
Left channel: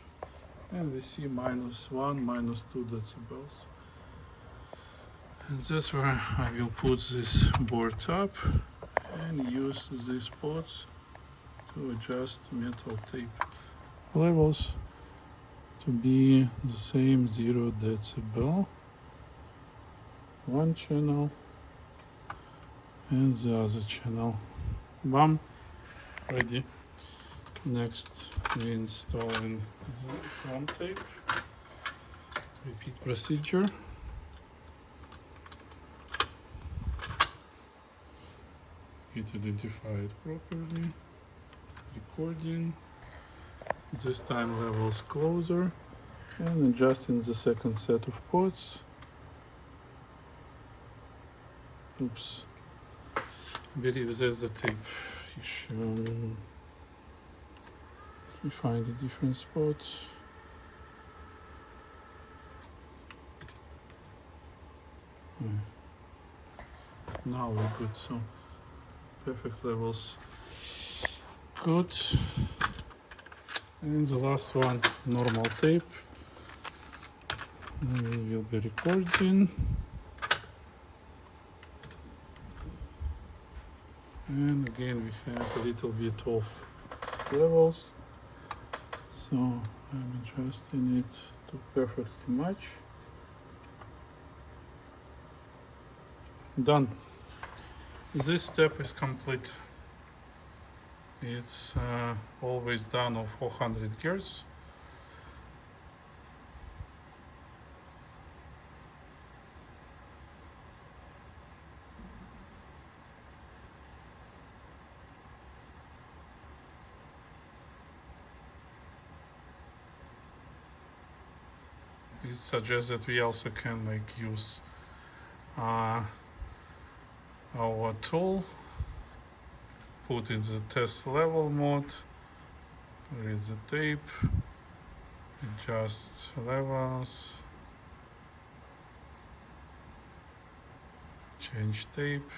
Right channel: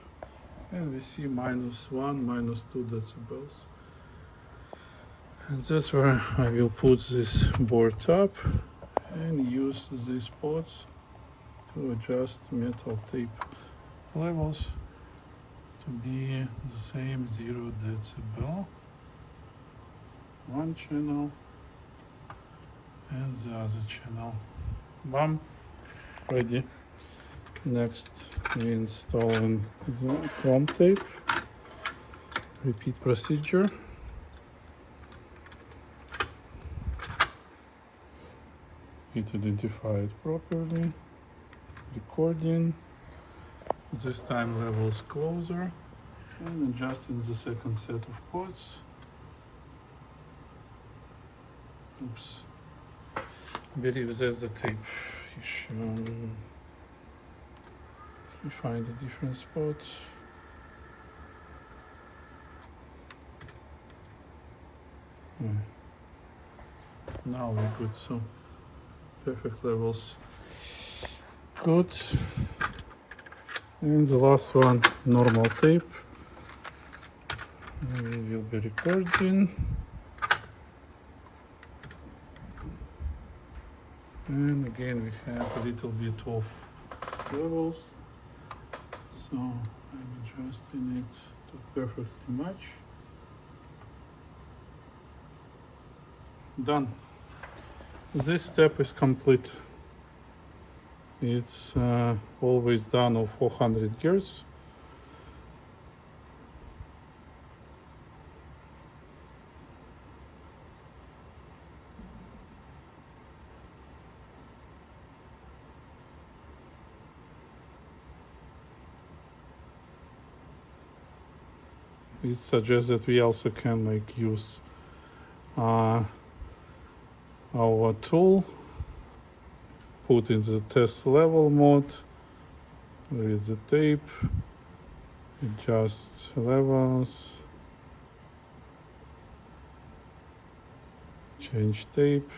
and we see -1, -2 decibels. And that's where I will put this board up and use these ports to adjust metal tape levels to be the same 0 decibel. One channel and the other channel. Bam, ready. Next we installing the chrome tape. Repeat procedure. It identified properly. Recording. This time levels closer and adjusting the second set of ports. Oops. Believe there's a tape issue. We find a different spot. Now we're good. So perfect levels. Good. And the last one, normal tape. And we will be recording. And again we have a little bit of levels, so I'm adjusting it to perfectly match. Done. This step is complete. It's always done of 400 Hz. It suggests that we also can like use our tool, put in the test level mode, read the tape, adjust levels, change tape,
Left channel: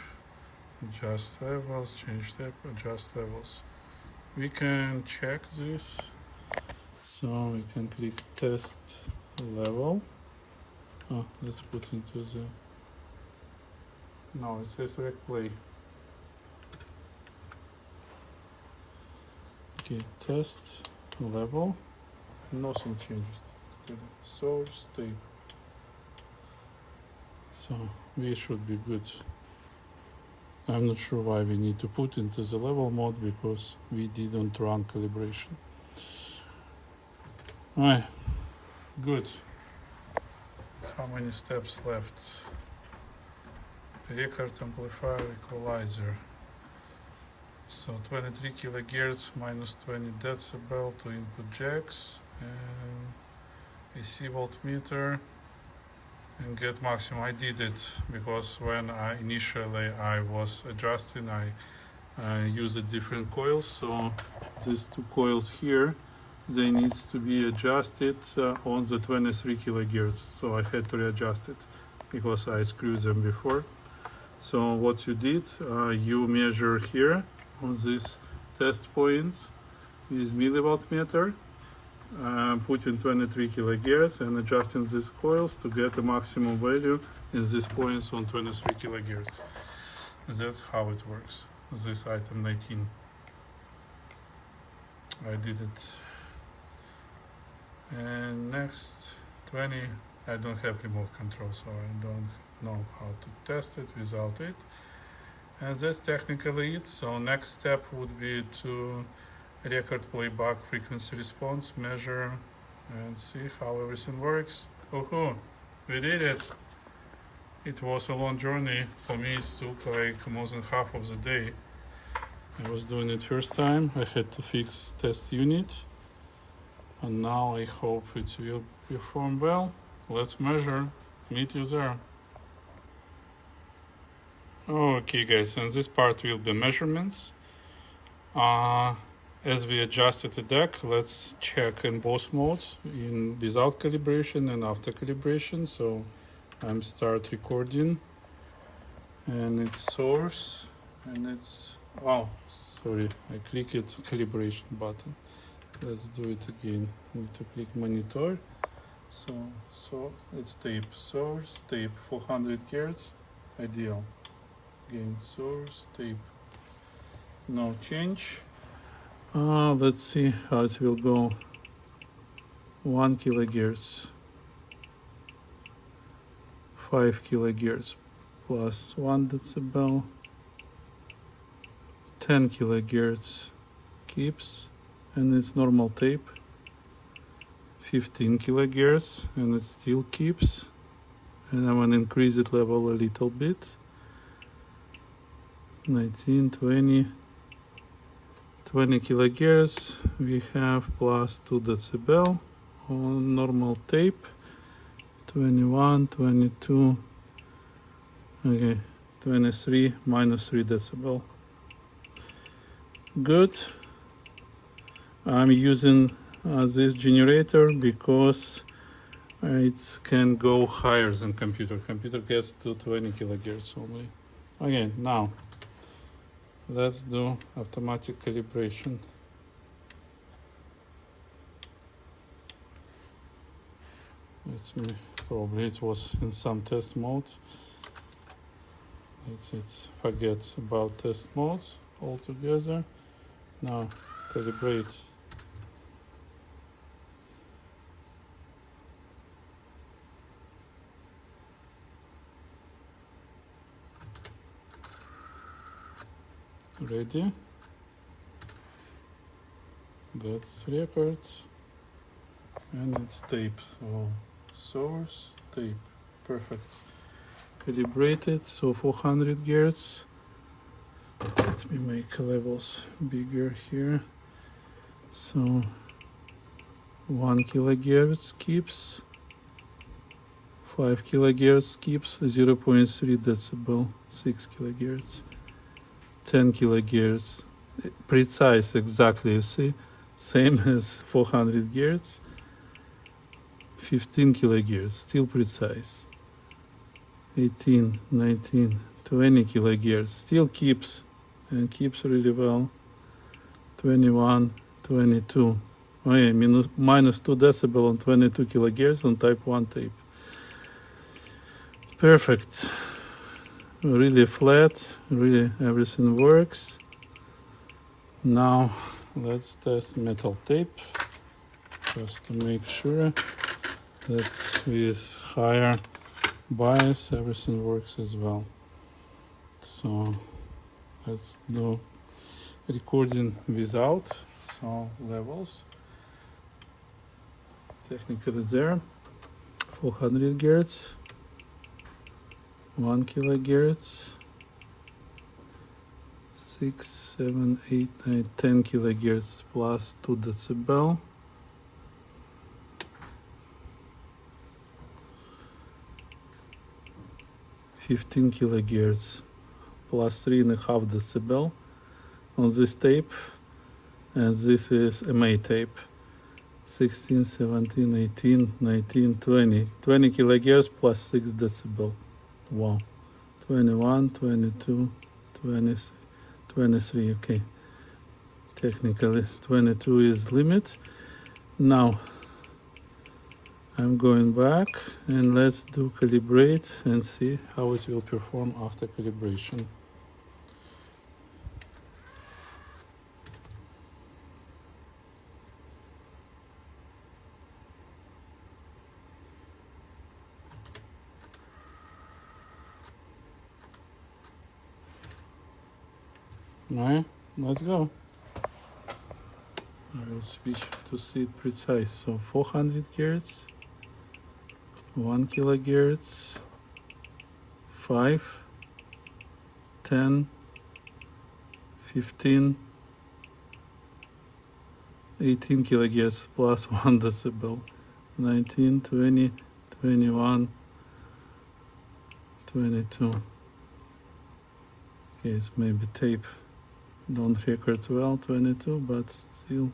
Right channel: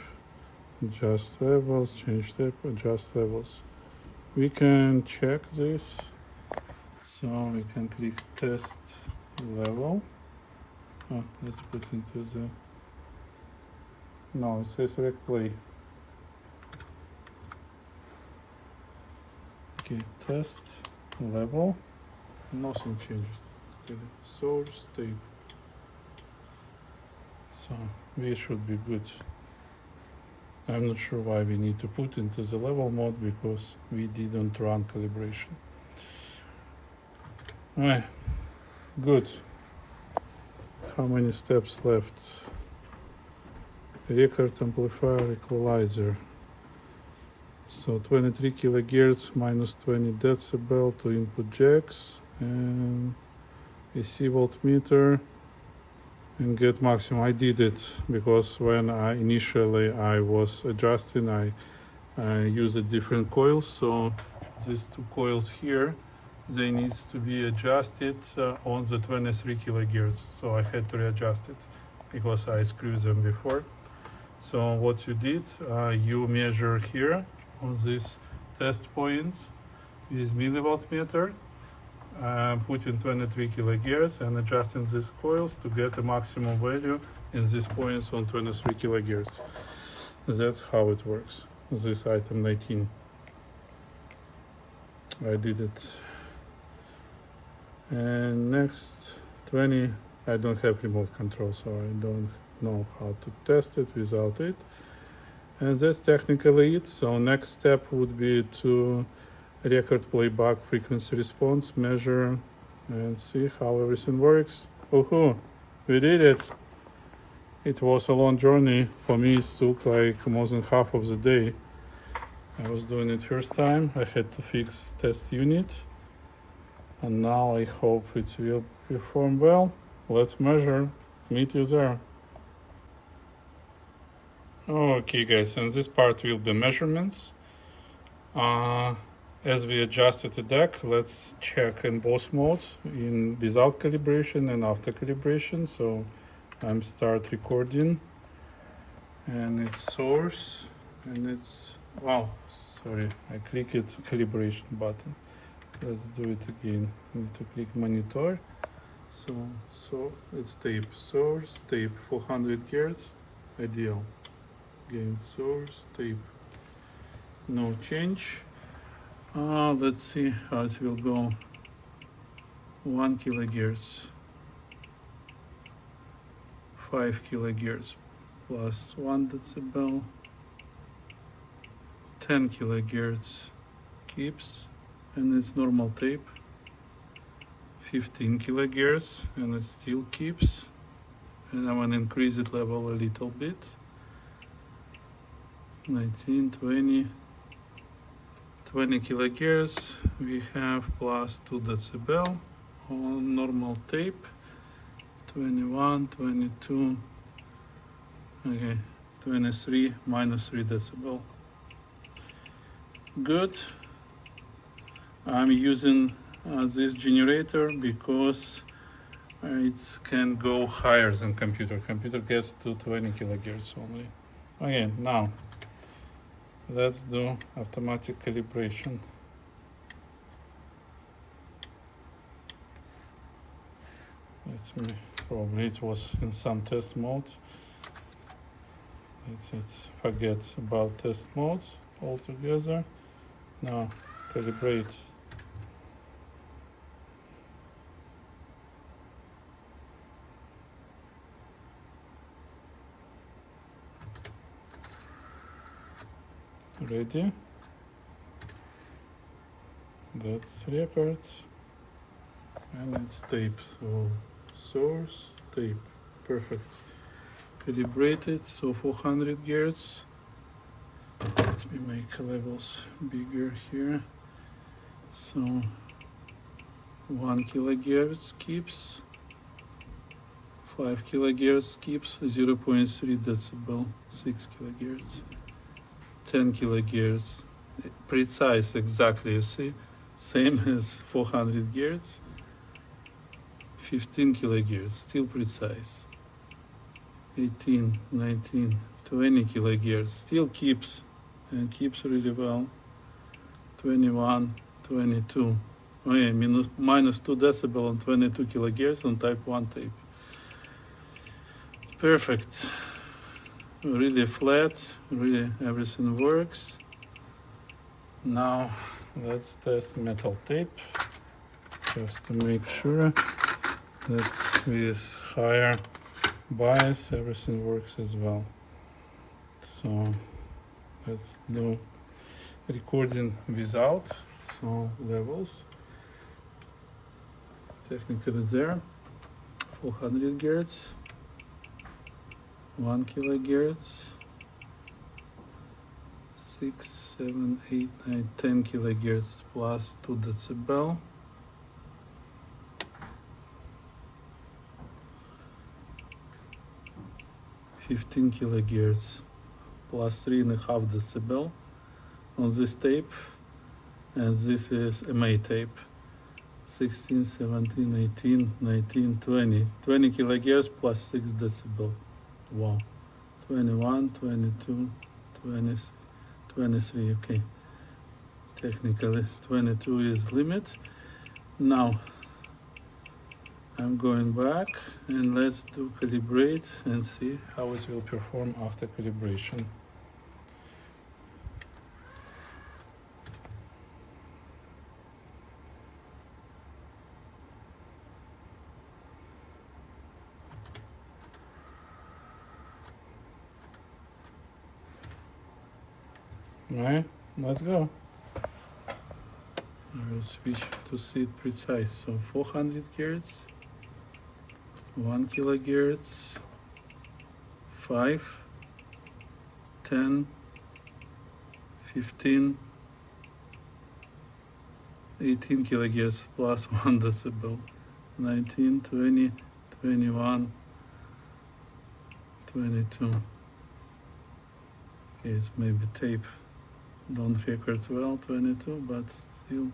adjust levels, change tape, adjust levels. We can check this, so we can click test level. Oh, let's put into the, no, it says rec play. Okay, test level, nothing changed. Okay, source tape, so we should be good. I'm not sure why we need to put into the level mode, because we didn't run calibration. Alright, good. How many steps left? Record, amplifier, equalizer. So 23 kilohertz minus 20 decibel to input jacks, and AC voltmeter, and get maximum. I did it because when initially I was adjusting, I used different coils. So these two coils here, they needs to be adjusted on the 23 kilohertz. So I had to readjust it because I screwed them before. So what you did, you measure here on these test points with millivoltmeter, putting 23 kilohertz and adjusting these coils to get a maximum value in these points on 23 kilohertz. That's how it works. This item 19. I did it. And next 20 I don't have remote control, so I don't know how to test it without it. And that's technically it. So next step would be to record playback frequency response, measure, and see how everything works. Woohoo! We did it! It was a long journey. For me, it took like more than half of the day. I was doing it first time. I had to fix test unit. And now I hope it will perform well. Let's measure. Meet you there. Okay guys, and this part will be measurements. As we adjusted the deck, let's check in both modes, in without calibration and after calibration. So I'm start recording, and it's source, and it's, wow, sorry, I clicked calibration button. Let's do it again. Need to click monitor. So it's tape, source, tape 400 Hz, ideal. Again, source, tape, no change. Let's see how it will go. 1 kilohertz, 5 kilohertz plus 1 decibel, 10 kilohertz keeps, and it's normal tape. 15 kilohertz, and it still keeps, and I want to increase it level a little bit. 19, 20 kilohertz, we have plus 2 decibel on normal tape. 21, 22, okay, 23, minus 3 decibel. Good. I'm using this generator because it can go higher than computer. Computer gets to 20 kilohertz only. Okay, now let's do automatic calibration. Let's me, probably it was in some test mode. Let's forget about test modes altogether. Now calibrate. Ready? That's record, and it's tape. So source, tape, perfect. Calibrated, so 400 Hz. Let me make levels bigger here. So 1 kilohertz keeps, 5 kilohertz keeps, 0.3 decibel, 6 kilohertz. 10 kilohertz, precise exactly, you see, same as 400 Hz. 15 kilohertz, still precise. 18, 19, 20 kilohertz, still keeps, and keeps really well. 21, 22, oh yeah, minus 2 decibel on 22 kilohertz on type 1 tape. Perfect. Really flat, really everything works. Now let's test metal tape, just to make sure that with higher bias everything works as well. So let's do recording without, so levels, technically there, 400 Hz. 1 kilohertz, 6, 7, 8, 9, 10 kilohertz plus 2 decibel. 15 kilohertz plus 3.5 decibel on this tape, and this is MA tape. 16, 17, 18, 19, 20. 20 kilohertz plus 6 decibel. Wow. 21, 22, 20, 23, okay. Technically 22 is limit. Now I'm going back and let's do calibrate and see how it will perform after calibration. Alright, let's go. I will switch to see it precise. So 400 Hz, 1 kilohertz, 5, 10, 15, 18 kilohertz plus 1 decibel, 19, 20, 21, 22. Okay, it's maybe tape. Don't record well, 22, but still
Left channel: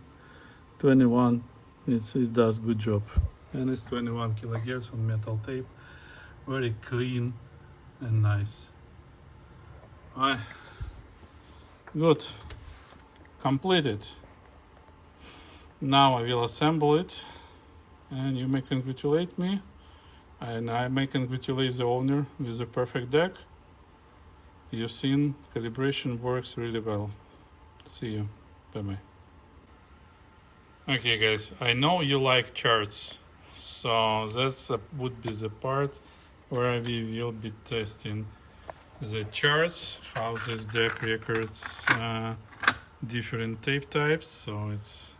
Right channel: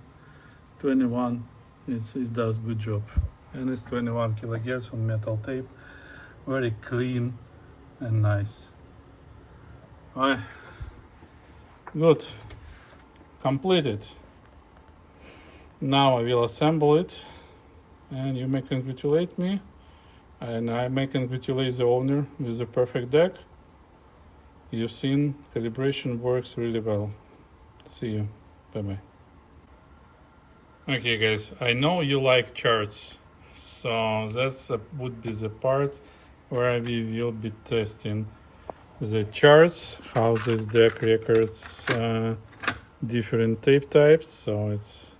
21. It does good job. And it's 21 kilohertz on metal tape. Very clean and nice. Alright, good. Completed. Now I will assemble it, and you may congratulate me, and I may congratulate the owner with a perfect deck. You've seen calibration works really well. See you. Bye bye. Okay guys, I know you like charts, so that's would be the part where we will be testing the charts, how this deck records different tape types. So it's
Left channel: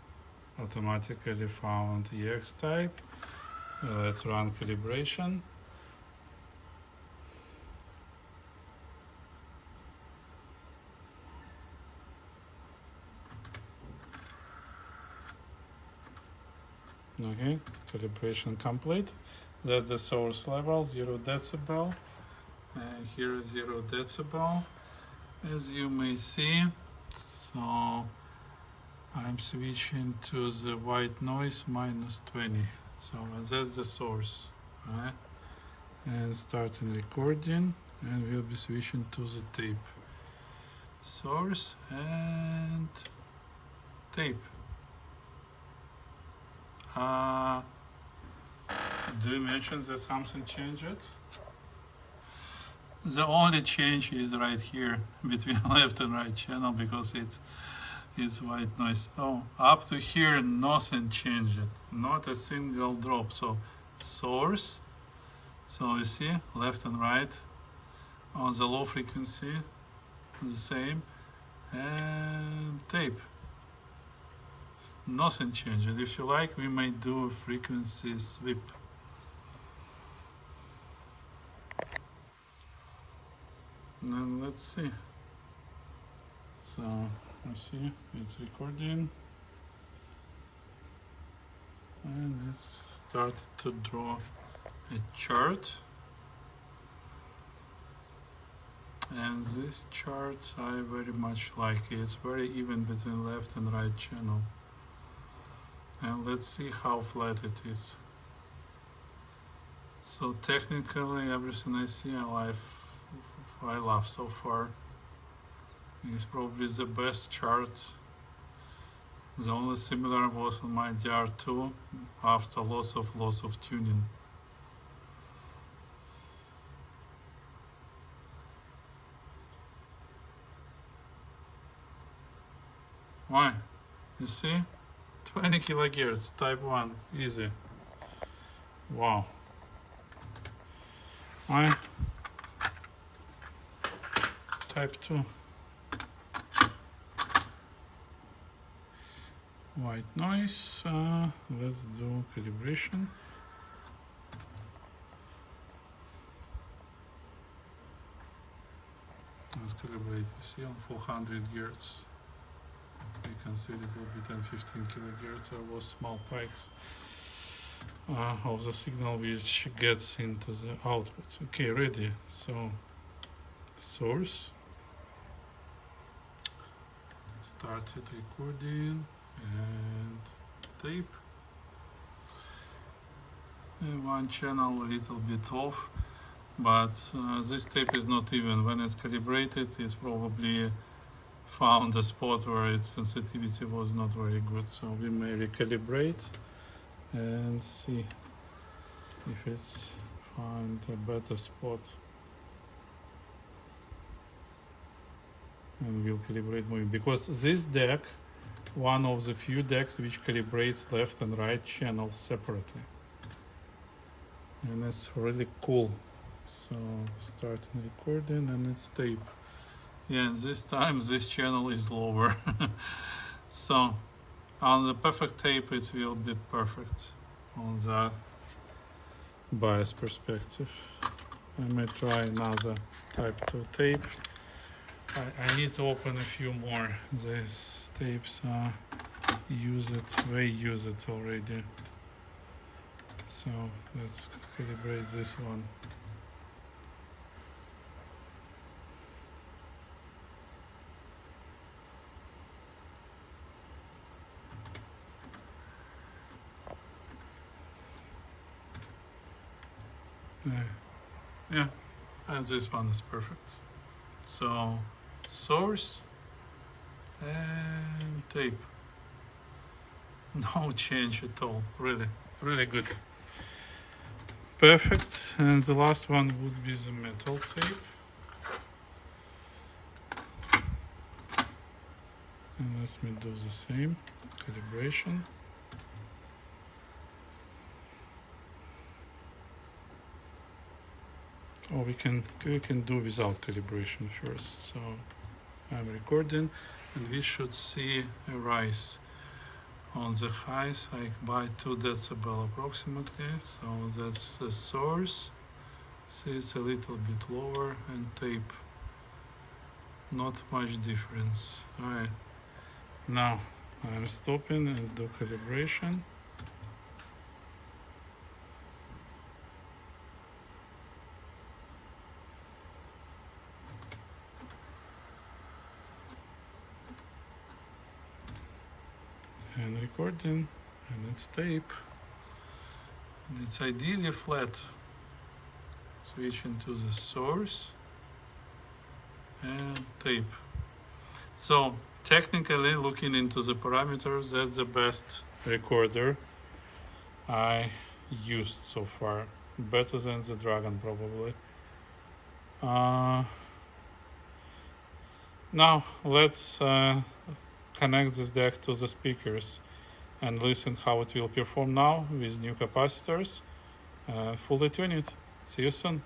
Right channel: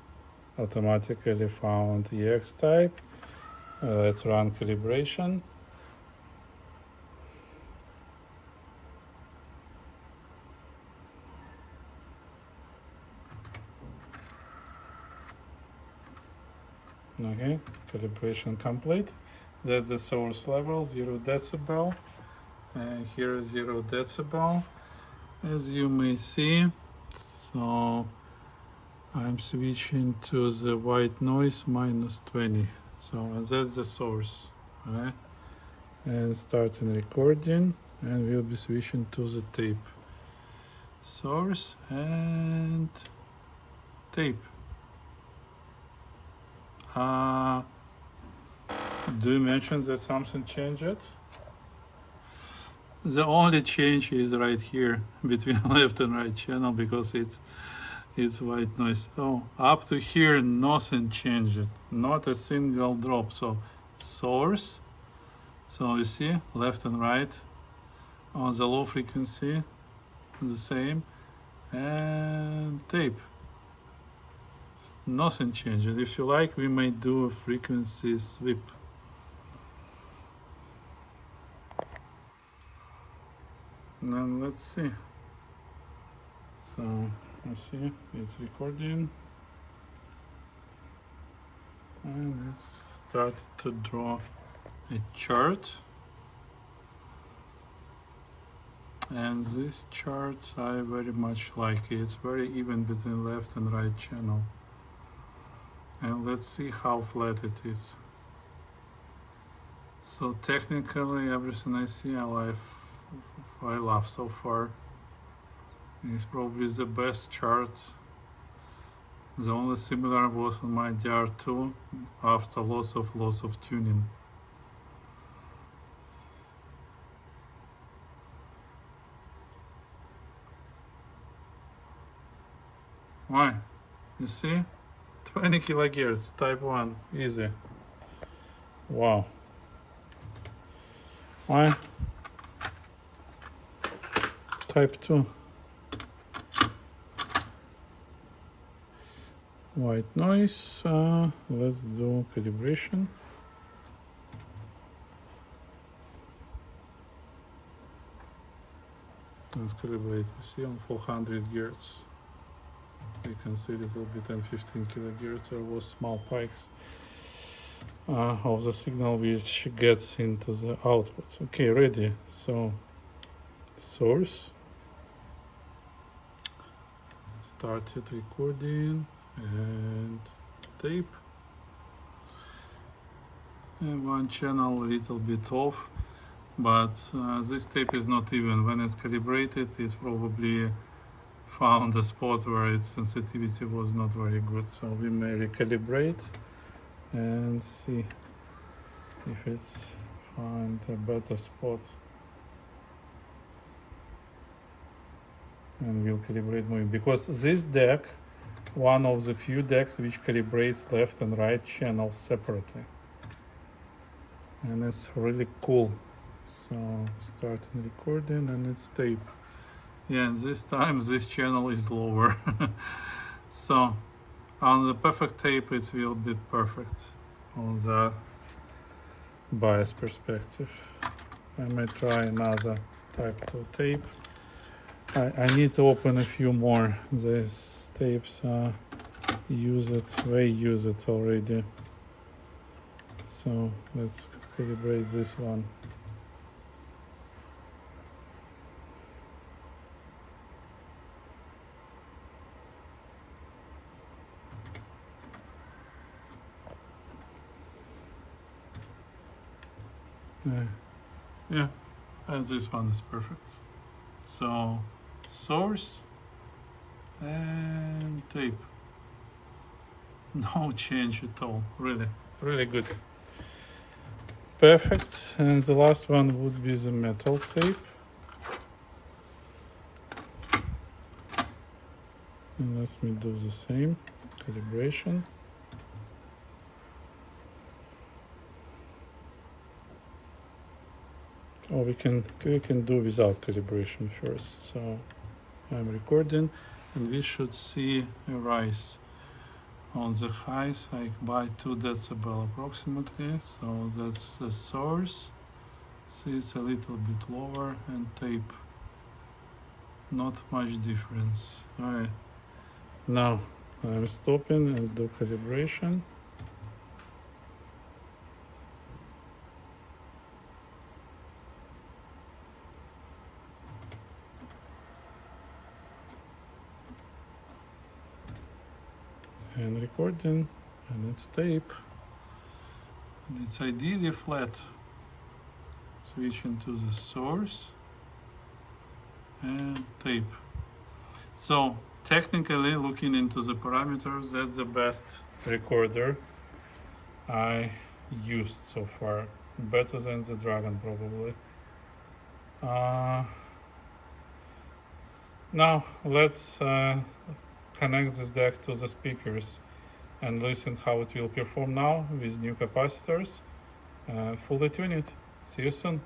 automatically found EX type. Let's run calibration. Okay, calibration complete. That's the source level, 0 decibel. And here 0 decibel, as you may see. So I'm switching to the white noise -20. So that's the source. Okay? And starting recording, and we'll be switching to the tape. Source and tape. Do you mention that something changed? The only change is right here between left and right channel, because it's white noise. Oh, up to here nothing changed, not a single drop. So source, so you see left and right on the low frequency the same, and tape. Nothing changed. If you like, we may do a frequency sweep. Now let's see. So I see it's recording, and let's start to draw a chart. And this chart I very much like. It's very even between left and right channel. And let's see how flat it is. So technically everything I see I love so far. It's probably the best chart. The only similar was on my DR2 after lots of tuning. Why? You see? 20 kilohertz, type 1, easy. Wow. Why? Type 2. White noise. Let's do calibration. Let's calibrate. You see, on 400 Hz. You can see a little bit, and 15 kilohertz. There was small spikes of the signal which gets into the output. Okay, ready. So source, started recording, and tape, and one channel a little bit off, but this tape is not even. When it's calibrated, it's probably found a spot where its sensitivity was not very good. So we may recalibrate and see if it's find a better spot, and we'll calibrate moving, because this deck, one of the few decks which calibrates left and right channels separately, and it's really cool. So starting recording, and it's tape. Yeah, and this time this channel is lower. So on the perfect tape it will be perfect on the bias perspective. I may try another type 2 tape. I need to open a few more. These tapes they use it already. So let's calibrate this one. Yeah, and this one is perfect. So source and tape. No change at all. Really, really good. Perfect. And the last one would be the metal tape. And let me do the same calibration. Oh, we can do without calibration first. So I'm recording, and we should see a rise on the highs, like by 2 decibel approximately. So that's the source. See, it's a little bit lower, and tape, not much difference. All right, now I'm stopping and do calibration. And recording, and it's tape, and it's ideally flat. Switching to the source and tape. So technically, looking into the parameters, that's the best recorder I used so far, better than the Dragon probably. Now let's connect this deck to the speakers and listen how it will perform now with new capacitors. Fully tuned. See you soon.